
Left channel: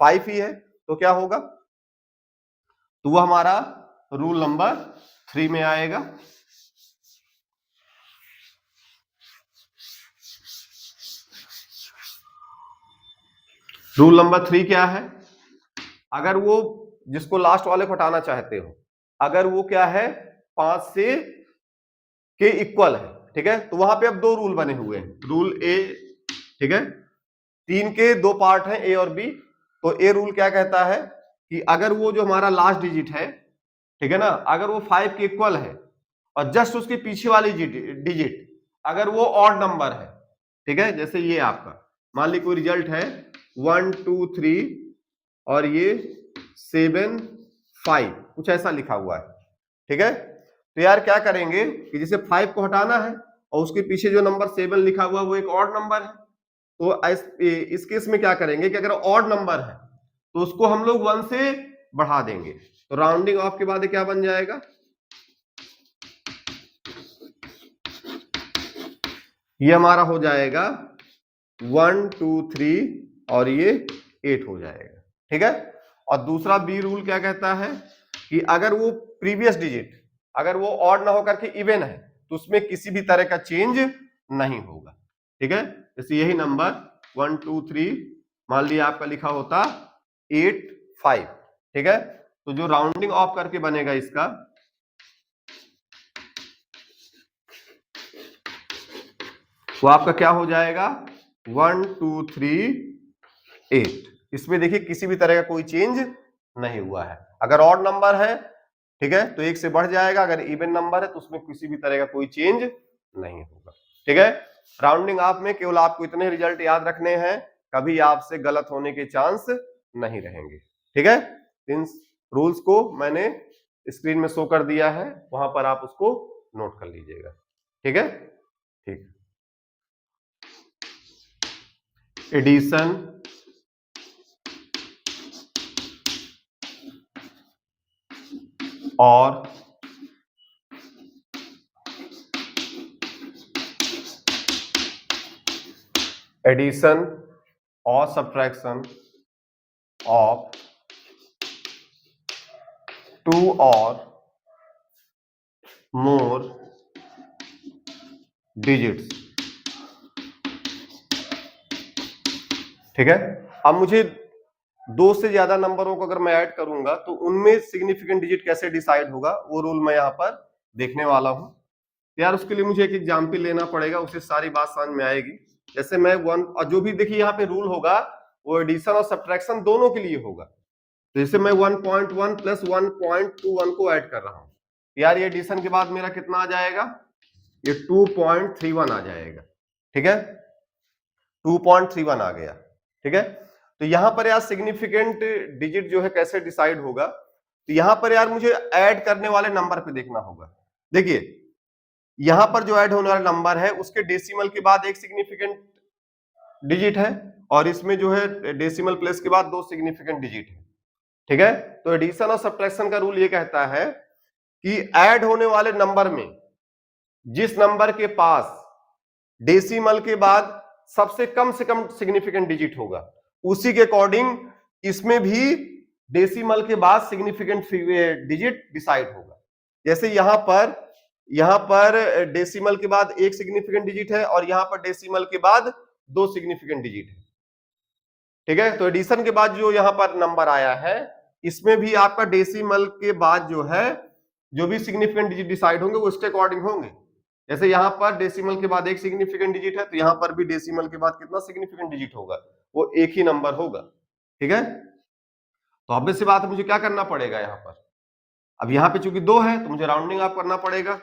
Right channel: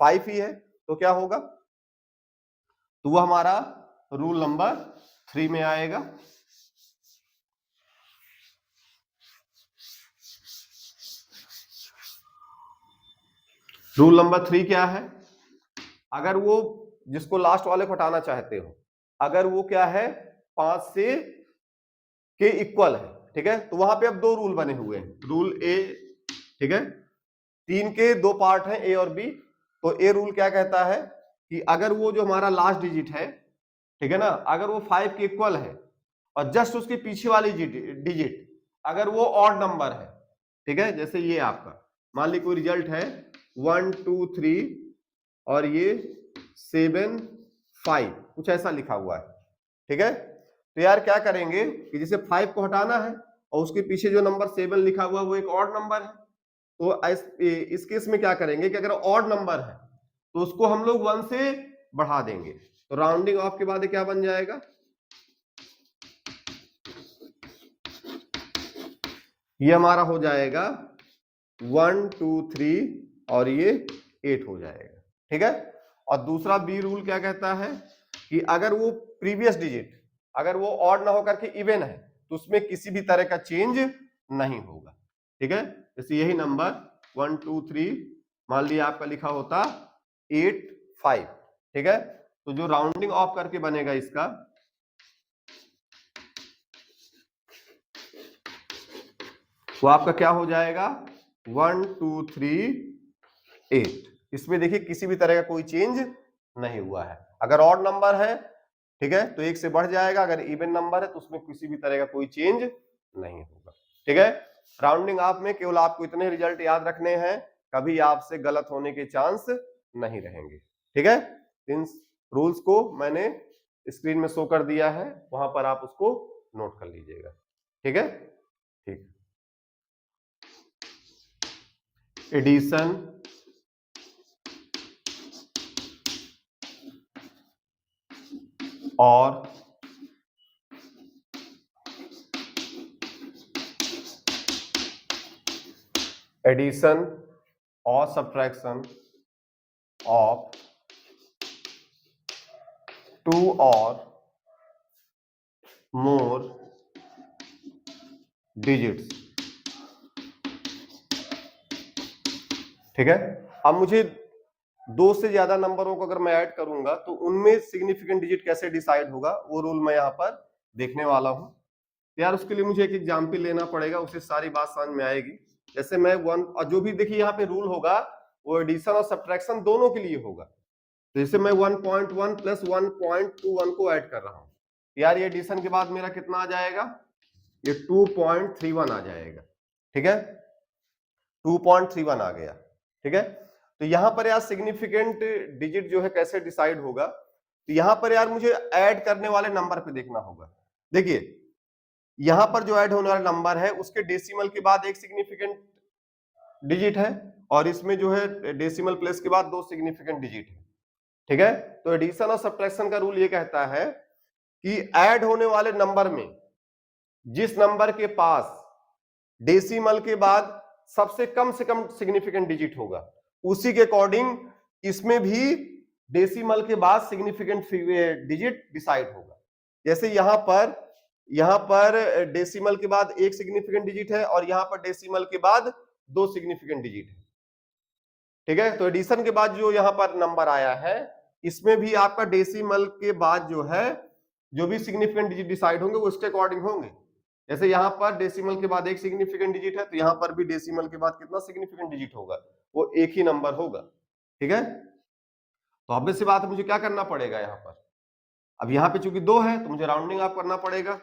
5 ही है, तो क्या होगा? तो वो हमारा रूल नंबर 3 में आएगा। रूल नंबर 3 क्या है? अगर वो जिसको लास्ट वाले को हटाना चाहते हो, अगर वो क्या है? 5 से के इक्वल है, ठीक है, तो वहां पे अब दो रूल बने हुए हैं, रूल ए, ठीक है, 3 के दो पार्ट हैं, ए और बी। तो ए रूल क्या कहता है कि अगर वो जो हमारा लास्ट डिजिट है, ठीक है ना, अगर वो 5 के इक्वल है और जस्ट उसके पीछे वाली डिजिट अगर वो ऑड नंबर है, ठीक है, जैसे ये आपका मान ली कोई रिजल्ट है 1 2 3 और ये 7 5, कुछ ऐसा लिखा हुआ है, ठीक है, तो यार क्या करेंगे कि जैसे 5 को हटाना है और उसके पीछे जो नंबर 7 लिखा हुआ है वो एक ऑड नंबर है, तो इस केस में क्या करेंगे कि अगर ऑड नंबर है तो उसको हम लोग 1 से बढ़ा देंगे, तो राउंडिंग ऑफ के बाद क्या बन जाएगा? ये हमारा हो जाएगा 1 2 3 और ये 8 हो जाएगा, ठीक है। और दूसरा बी रूल क्या कहता है कि अगर वो प्रीवियस डिजिट अगर वो ऑड ना होकर के इवन है तो उसमें किसी भी तरह का चेंज नहीं होगा, ठीक है। जैसे यही नंबर 1 2 3 मान लिया आपका लिखा होता 8 5, ठीक है, तो जो राउंडिंग ऑफ करके बनेगा इसका, तो आपका क्या हो जाएगा? 1 2 3 8, इसमें देखिए किसी भी तरह का कोई चेंज नहीं हुआ है। अगर ऑड नंबर है, ठीक है, तो एक से बढ़ जाएगा, अगर इवन नंबर है तो उसमें किसी भी तरह का कोई चेंज नहीं होगा, ठीक है। राउंडिंग ऑफ में केवल आपको इतने रिजल्ट याद रखने हैं, कभी आपसे गलत होने के चांस नहीं रहेंगे, ठीक है। इन रूल्स को मैंने स्क्रीन में शो कर दिया है, वहां पर आप उसको नोट कर लीजिएगा, ठीक है। ठीक, एडिशन और एडिशन और subtraction of 2 or more digits ठीक है। अब मुझे 2 से ज्यादा नंबरों को अगर मैं ऐड करूंगा तो उनमें सिग्निफिकेंट डिजिट कैसे डिसाइड होगा, वो रूल मैं यहाँ पर देखने वाला हूं। यार उसके लिए मुझे एक एग्जाम्पल लेना पड़ेगा, उससे सारी बात समझ में आएगी। जैसे मैं वन, और जो भी देखिए यहाँ पे रूल होगा वो एडिशन और सब्ट्रैक्शन दोनों के लिए होगा। तो जैसे मैं 1.1 प्लस 1.21 को ऐड कर रहा हूं, यार ये एडिशन के बाद मेरा कितना आ जाएगा, ये 2.31 आ जाएगा। ठीक है, 2.31 आ गया। ठीक है, तो यहां पर यार सिग्निफिकेंट डिजिट जो है कैसे डिसाइड होगा, तो यहां पर यार मुझे ऐड करने वाले नंबर पे देखना होगा। देखिए यहां पर जो ऐड होने वाला नंबर है उसके डेसिमल के बाद एक सिग्निफिकेंट डिजिट है, और इसमें जो है डेसिमल प्लेस के बाद 2 सिग्निफिकेंट डिजिट है। ठीक है, तो एडिशन और सब्ट्रैक्शन का रूल ये कहता है कि ऐड होने वाले नंबर में जिस नंबर के पास डेसिमल के बाद सबसे कम सिग्निफिकेंट डिजिट होगा, उसी के अकॉर्डिंग इसमें भी डेसिमल के बाद सिग्निफिकेंट डिजिट डिसाइड होगा। जैसे यहां पर डेसिमल के बाद एक सिग्निफिकेंट डिजिट है और यहां पर डेसिमल के बाद 2 सिग्निफिकेंट डिजिट है। ठीक है, तो एडिशन के बाद जो यहां पर नंबर आया है, इसमें भी आपका डेसिमल के बाद जो है जो भी सिग्निफिकेंट डिजिट डिसाइड होंगे वो इसके अकॉर्डिंग होंगे। जैसे यहां पर डेसिमल के बाद एक सिग्निफिकेंट डिजिट है, तो यहां पर भी डेसिमल के बाद कितना सिग्निफिकेंट डिजिट होगा, वो एक ही नंबर होगा। ठीक है, तो ऑब्वियस सी बात है मुझे क्या करना पड़ेगा यहाँ पर, अब यहाँ पे चूंकि 2 है तो मुझे राउंडिंग ऑफ करना पड़ेगा।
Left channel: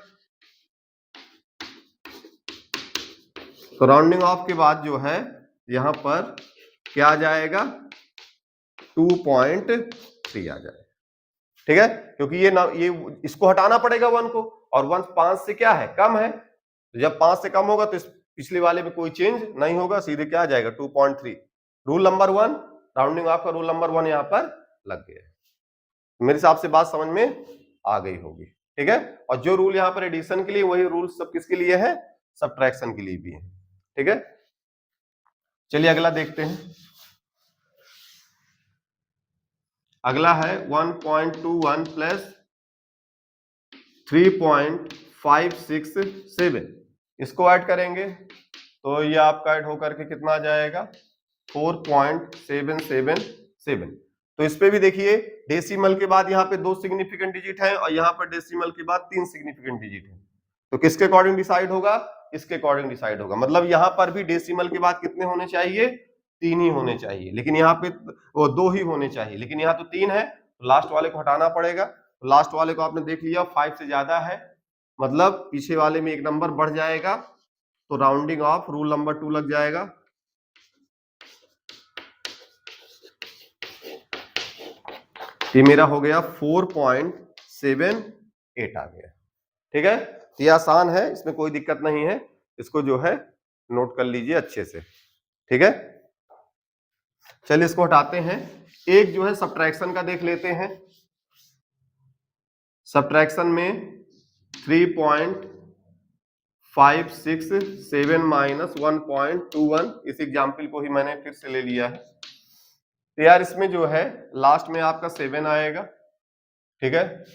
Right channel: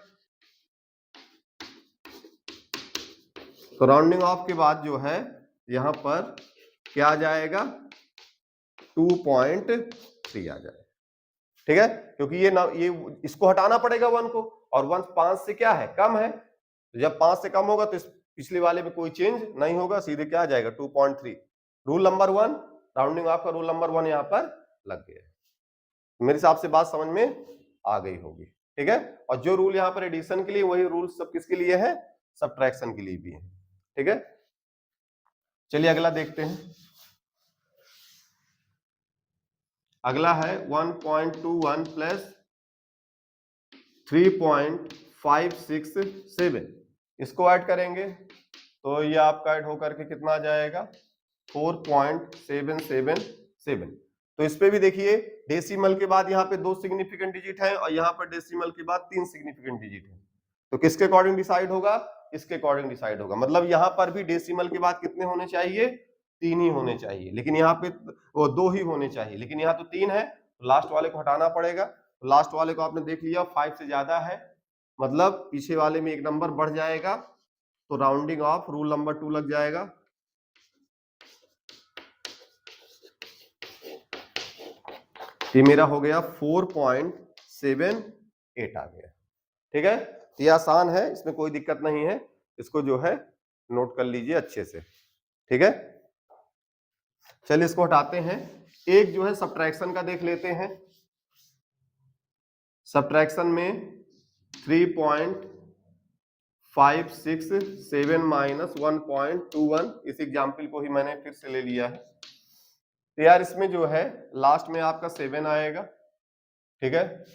तो राउंडिंग ऑफ के बाद जो है यहाँ पर क्या आ जाएगा, 2.3 आ जाएगा। ठीक है, क्योंकि ये इसको हटाना पड़ेगा 1 को, और 1 5 से क्या है, कम है। तो जब 5 से कम होगा तो इस पिछले वाले में कोई चेंज नहीं होगा, सीधे क्या आ जाएगा 2.3। रूल नंबर 1, राउंडिंग ऑफ का रूल नंबर 1 यहाँ पर लग गया। मेरे हिसाब से बात समझ में आ गई होगी। ठीक है, और जो रूल यहाँ पर एडिशन के लिए, वही रूल सब किसके लिए है, सब्ट्रैक्शन के लिए भी है। ठीक है, चलिए अगला देखते हैं। अगला है 1.21 प्लस 3.567, इसको ऐड करेंगे तो ये आपका ऐड होकर के कितना आ जाएगा, 4.777। तो इस पे भी देखिए डेसिमल के बाद यहाँ पे 2 सिग्निफिकेंट डिजिट है और यहाँ पर डेसिमल के बाद 3 सिग्निफिकेंट डिजिट है। तो किसके अकॉर्डिंग डिसाइड होगा, इसके अकॉर्डिंग डिसाइड होगा। मतलब यहाँ पर भी डेसिमल के बाद कितने होने चाहिए, 3 ही होने चाहिए, लेकिन यहाँ पे वो 2 ही होने चाहिए, लेकिन यहाँ तो 3 है, तो लास्ट वाले को हटाना पड़ेगा। तो लास्ट वाले को आपने देख लिया 5 से ज्यादा है, मतलब पीछे वाले में एक नंबर बढ़ जाएगा, तो राउंडिंग ऑफ रूल नंबर 2 लग जाएगा। ये मेरा हो गया 4.78 आ गया। ठीक है, ये आसान है, इसमें कोई दिक्कत नहीं है, इसको जो है नोट कर लीजिए अच्छे से। ठीक है, चलिए इसको हटाते हैं। एक जो है सब्ट्रैक्शन का देख लेते हैं। सब्ट्रैक्शन में 3.567 माइनस 1.21, इस एग्जाम्पल को ही मैंने फिर से ले लिया है। तो यार इसमें जो है लास्ट में आपका 7 आएगा। ठीक है,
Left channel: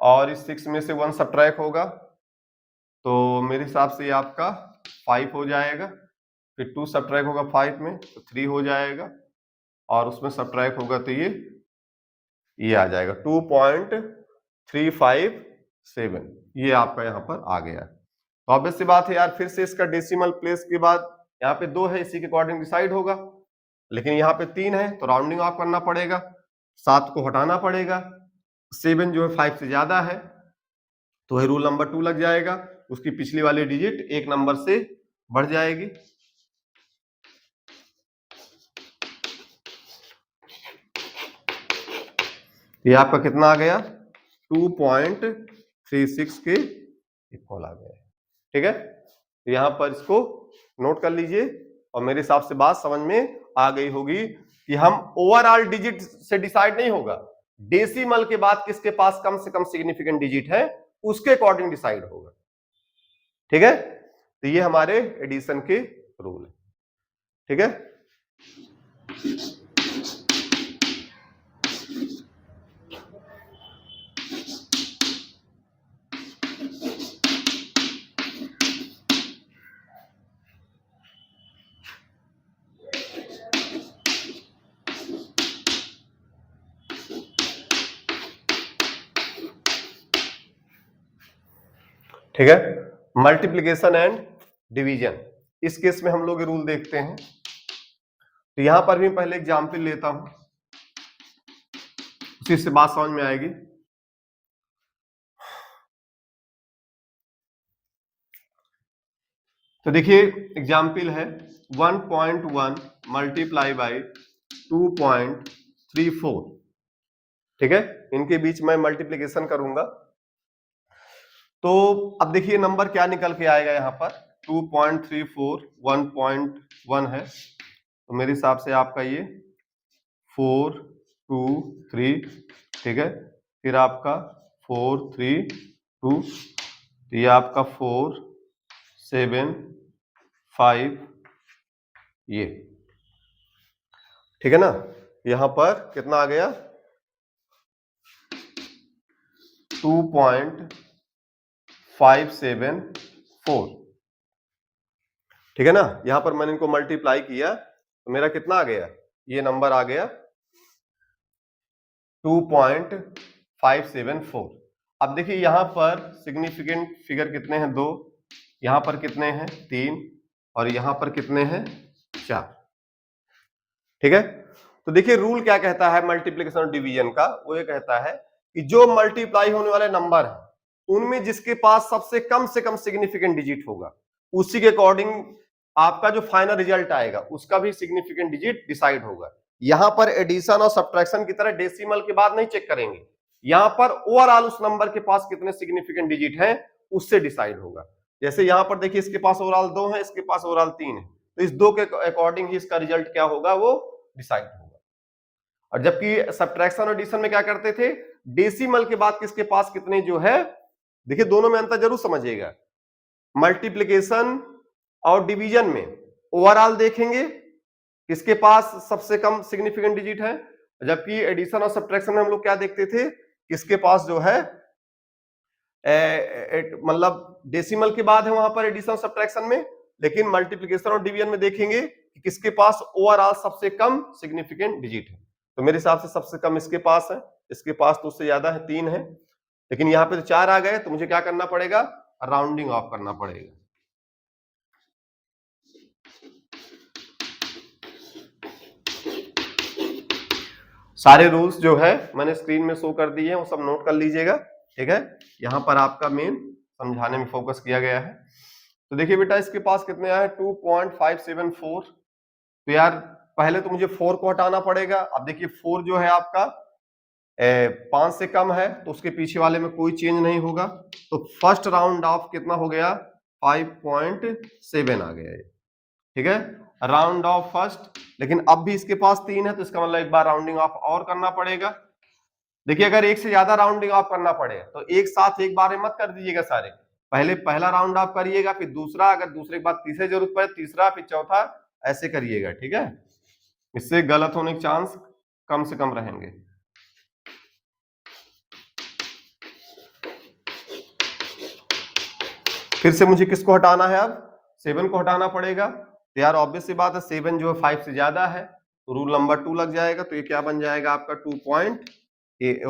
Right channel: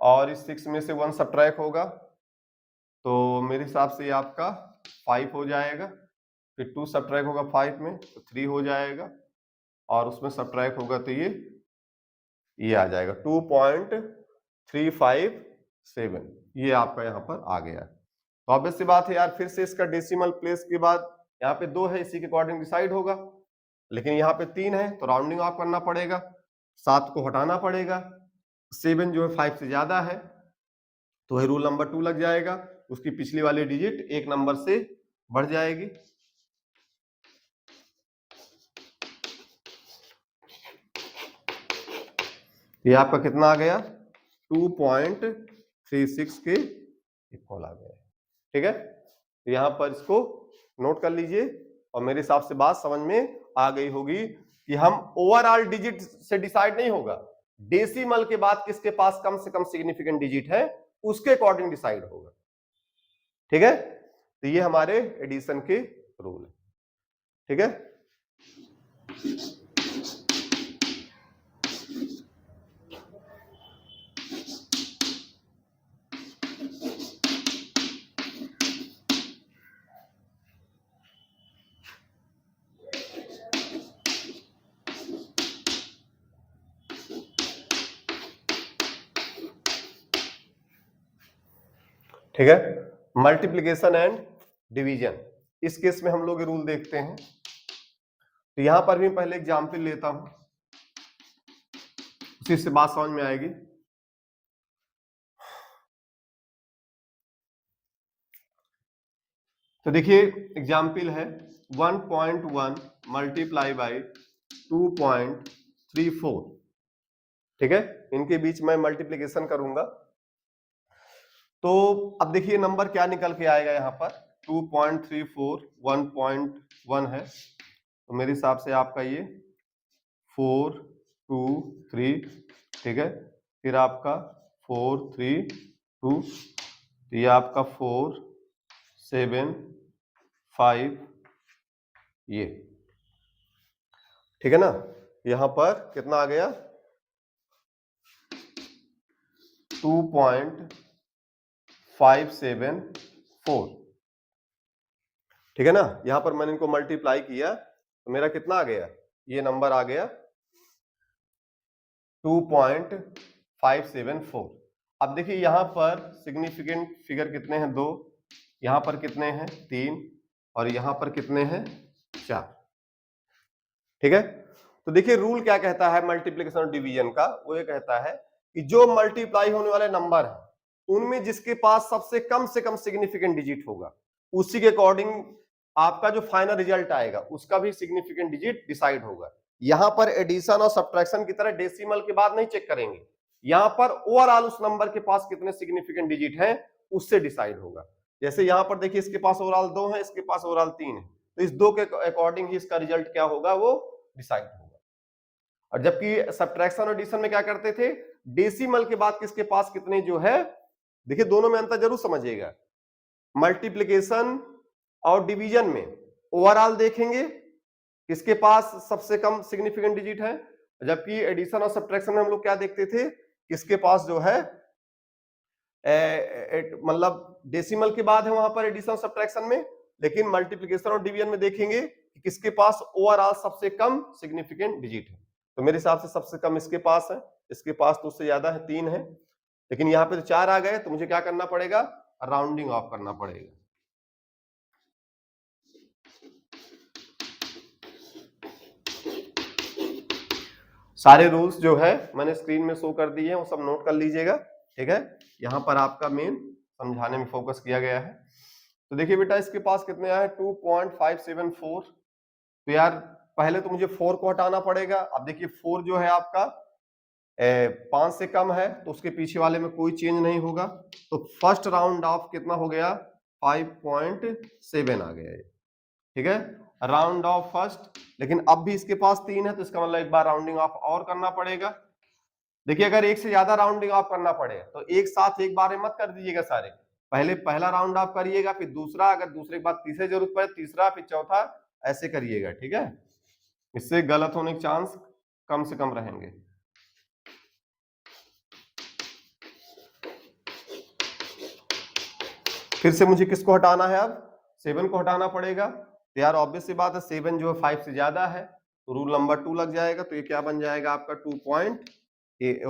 और इस 6 में से 1 सब्ट्रैक्ट होगा, तो मेरे हिसाब से आपका 5 हो जाएगा। फिर 2 सब्ट्रैक्ट होगा 5 में, तो 3 हो जाएगा, और उसमें सब्ट्रैक्ट होगा तो ये आ जाएगा 2.357। ये आपका यहाँ पर आ गया। तो ऑब्वियस सी बात है यार, फिर से इसका डेसिमल प्लेस के बाद यहाँ पे 2 है, इसी के अकॉर्डिंग डिसाइड होगा, लेकिन यहाँ पे 3 है तो राउंडिंग ऑफ करना पड़ेगा, 7 को हटाना पड़ेगा, 7 जो है 5 से ज्यादा है, तो रूल नंबर 2 लग जाएगा, उसकी पिछली वाली डिजिट एक नंबर से बढ़ जाएगी। ये आपका कितना आ गया, 2.36 के इक्वल आ गया। ठीक है, तो यहां पर इसको नोट कर लीजिए, और मेरे हिसाब से बात समझ में आ गई होगी कि हम ओवरऑल डिजिट से डिसाइड नहीं होगा, डेसिमल के बाद किसके पास कम से कम सिग्निफिकेंट डिजिट है उसके अकॉर्डिंग डिसाइड होगा। ठीक है, तो ये हमारे एडिशन के रूल है। ठीक है, ठीक है। मल्टीप्लीकेशन एंड डिवीजन, इस केस में हम लोग ये रूल देखते हैं। तो यहां पर भी पहले एग्जाम्पल लेता हूं, उसी से बात समझ में आएगी। तो देखिए एग्जाम्पल है 1.1 मल्टीप्लाई बाई 2.34, ठीक है। इनके बीच में मल्टीप्लीकेशन करूंगा तो अब देखिए नंबर क्या निकल के आएगा यहाँ पर 2.34 1.1 है, तो मेरे हिसाब से आपका ये 4 2 3, ठीक है। फिर आपका 4 3 2, तो ये आपका 4 7 5, ये ठीक है ना। यहां पर कितना आ गया 2.574, ठीक है ना। यहां पर मैंने इनको मल्टीप्लाई किया तो मेरा कितना आ गया, ये नंबर आ गया 2.574। अब देखिए यहां पर सिग्निफिकेंट फिगर कितने हैं, 2, यहां पर कितने हैं 3, और यहां पर कितने हैं 4, ठीक है। तो देखिए रूल क्या कहता है मल्टीप्लिकेशन और डिवीजन का, वो ये कहता है कि जो मल्टीप्लाई होने वाले नंबर हैं उनमें जिसके पास सबसे कम से कम सिग्निफिकेंट डिजिट होगा उसी के अकॉर्डिंग आपका जो फाइनल रिजल्ट आएगा उसका भी सिग्निफिकेंट डिजिट डिसाइड होगा। यहां पर एडिशन और सब्ट्रैक्शन की तरह डेसिमल के बाद नहीं चेक करेंगे, यहां पर ओवरऑल उस नंबर के पास कितने सिग्निफिकेंट डिजिट हैं उससे डिसाइड होगा। जैसे यहां पर देखिए इसके पास ओवरऑल 2 है, इसके पास ओवरऑल 3 है, तो इस 2 के अकॉर्डिंग ही इसका रिजल्ट क्या होगा वो डिसाइड होगा। और जबकि सब्ट्रैक्शन और एडिशन में क्या करते थे, डेसिमल के बाद किसके पास कितने जो है, देखिए दोनों में अंतर जरूर समझिएगा। मल्टीप्लिकेशन और डिवीजन में ओवरऑल देखेंगे किसके पास सबसे कम सिग्निफिकेंट डिजिट है, जबकि एडिशन और सब्ट्रैक्शन में हम लोग क्या देखते थे, किसके पास जो है मतलब डेसिमल के बाद है वहां पर एडिशन सब्ट्रैक्शन में, लेकिन मल्टीप्लिकेशन और डिवीजन में देखेंगे कि किसके पास ओवरऑल सबसे कम सिग्निफिकेंट डिजिट है। तो मेरे हिसाब से सबसे कम इसके पास है, इसके पास तो उससे ज्यादा है 3 है, लेकिन यहाँ पे तो 4 आ गए, तो मुझे क्या करना पड़ेगा, राउंडिंग ऑफ करना पड़ेगा। सारे रूल्स जो है मैंने स्क्रीन में शो कर दिए हैं, वो सब नोट कर लीजिएगा, ठीक है। यहाँ पर आपका मेन समझाने में फोकस किया गया है। तो देखिए बेटा इसके पास कितने आए 2.574, तो यार पहले तो मुझे 4 को हटाना पड़ेगा। अब देखिए 4 जो है आपका 5 से कम है तो उसके पीछे वाले में कोई चेंज नहीं होगा, तो फर्स्ट राउंड ऑफ कितना हो गया 5.7 आ गया, ठीक है, राउंड ऑफ फर्स्ट। लेकिन अब भी इसके पास 3 है तो इसका मतलब एक बार राउंडिंग ऑफ और करना पड़ेगा। देखिए अगर एक से ज्यादा राउंडिंग ऑफ करना पड़े तो एक साथ एक बार में मत कर दीजिएगा सारे, पहले पहला राउंड ऑफ करिएगा, फिर दूसरा, अगर दूसरे के बाद तीसरे जरूरत पड़े तीसरा, फिर चौथा, ऐसे करिएगा, ठीक है। इससे गलत होने के चांस कम से कम रहेंगे। फिर से मुझे किसको हटाना है, अब 7 को हटाना पड़ेगा। तो यार ऑब्वियस सी बात है 7 जो है 5 से ज्यादा है, तो रूल नंबर 2 लग जाएगा, तो ये क्या बन जाएगा आपका 2.8, ये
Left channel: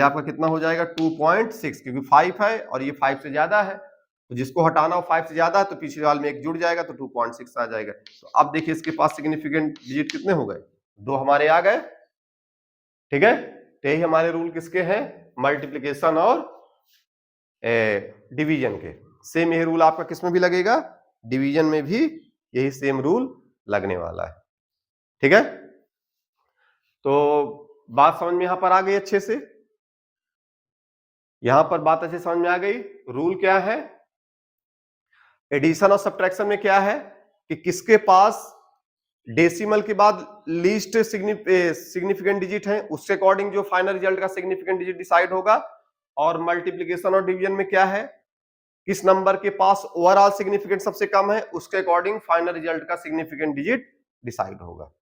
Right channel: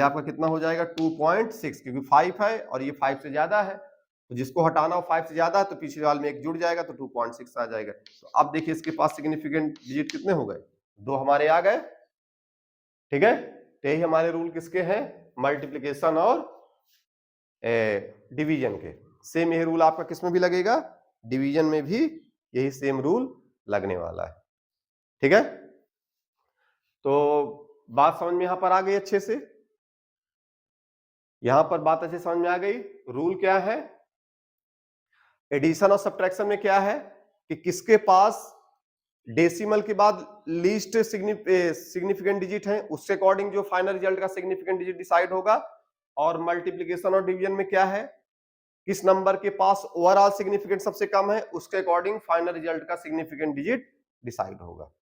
आपका कितना हो जाएगा 2.6, क्योंकि 5 है और ये 5 से ज्यादा है, तो जिसको हटाना हो 5 से ज्यादा है तो पिछले वाले में एक जुड़ जाएगा तो 2.6 आ जाएगा। तो अब देखिए इसके पास सिग्निफिकेंट डिजिट कितने हो गए, 2 हमारे आ गए, ठीक है। तो यही हमारे रूल किसके हैं, मल्टीप्लीकेशन और डिवीजन के। सेम यही रूल आपका किसमें भी लगेगा, डिवीजन में भी यही सेम रूल लगने वाला है, ठीक है। तो बात समझ में यहां पर आ गई अच्छे से, यहां पर बात अच्छे समझ में आ गई। रूल क्या है, एडिशन और सब्ट्रैक्शन में क्या है कि किसके पास डेसिमल के बाद लीस्ट सिग्निफिकेंट डिजिट है उसके अकॉर्डिंग जो फाइनल रिजल्ट का सिग्निफिकेंट डिजिट डिसाइड होगा। और मल्टीप्लीकेशन और डिवीजन में क्या है, किस नंबर के पास ओवरऑल सिग्निफिकेंट सबसे कम है उसके अकॉर्डिंग फाइनल रिजल्ट का सिग्निफिकेंट डिजिट डिसाइड होगा,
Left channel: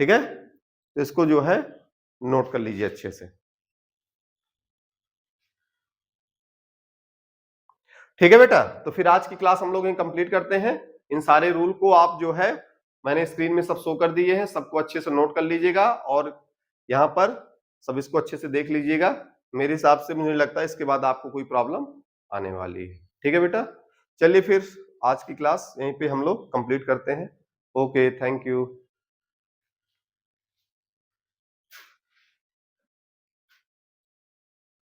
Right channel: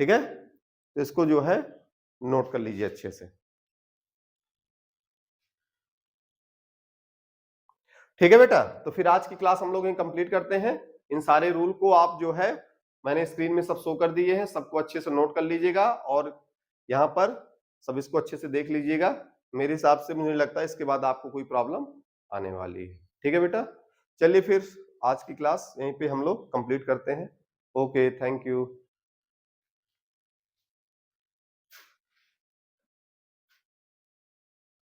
ठीक है। तो इसको जो है नोट कर लीजिए अच्छे से, ठीक है बेटा। तो फिर आज की क्लास हम लोग कंप्लीट करते हैं। इन सारे रूल को आप जो है मैंने स्क्रीन में सब शो कर दिए हैं, सबको अच्छे से नोट कर लीजिएगा और यहाँ पर सब इसको अच्छे से देख लीजिएगा। मेरे हिसाब से मुझे लगता है इसके बाद आपको कोई प्रॉब्लम आने वाली है। ठीक है बेटा, चलिए फिर आज की क्लास यहीं पे हम लोग कंप्लीट करते हैं। Okay, thank you.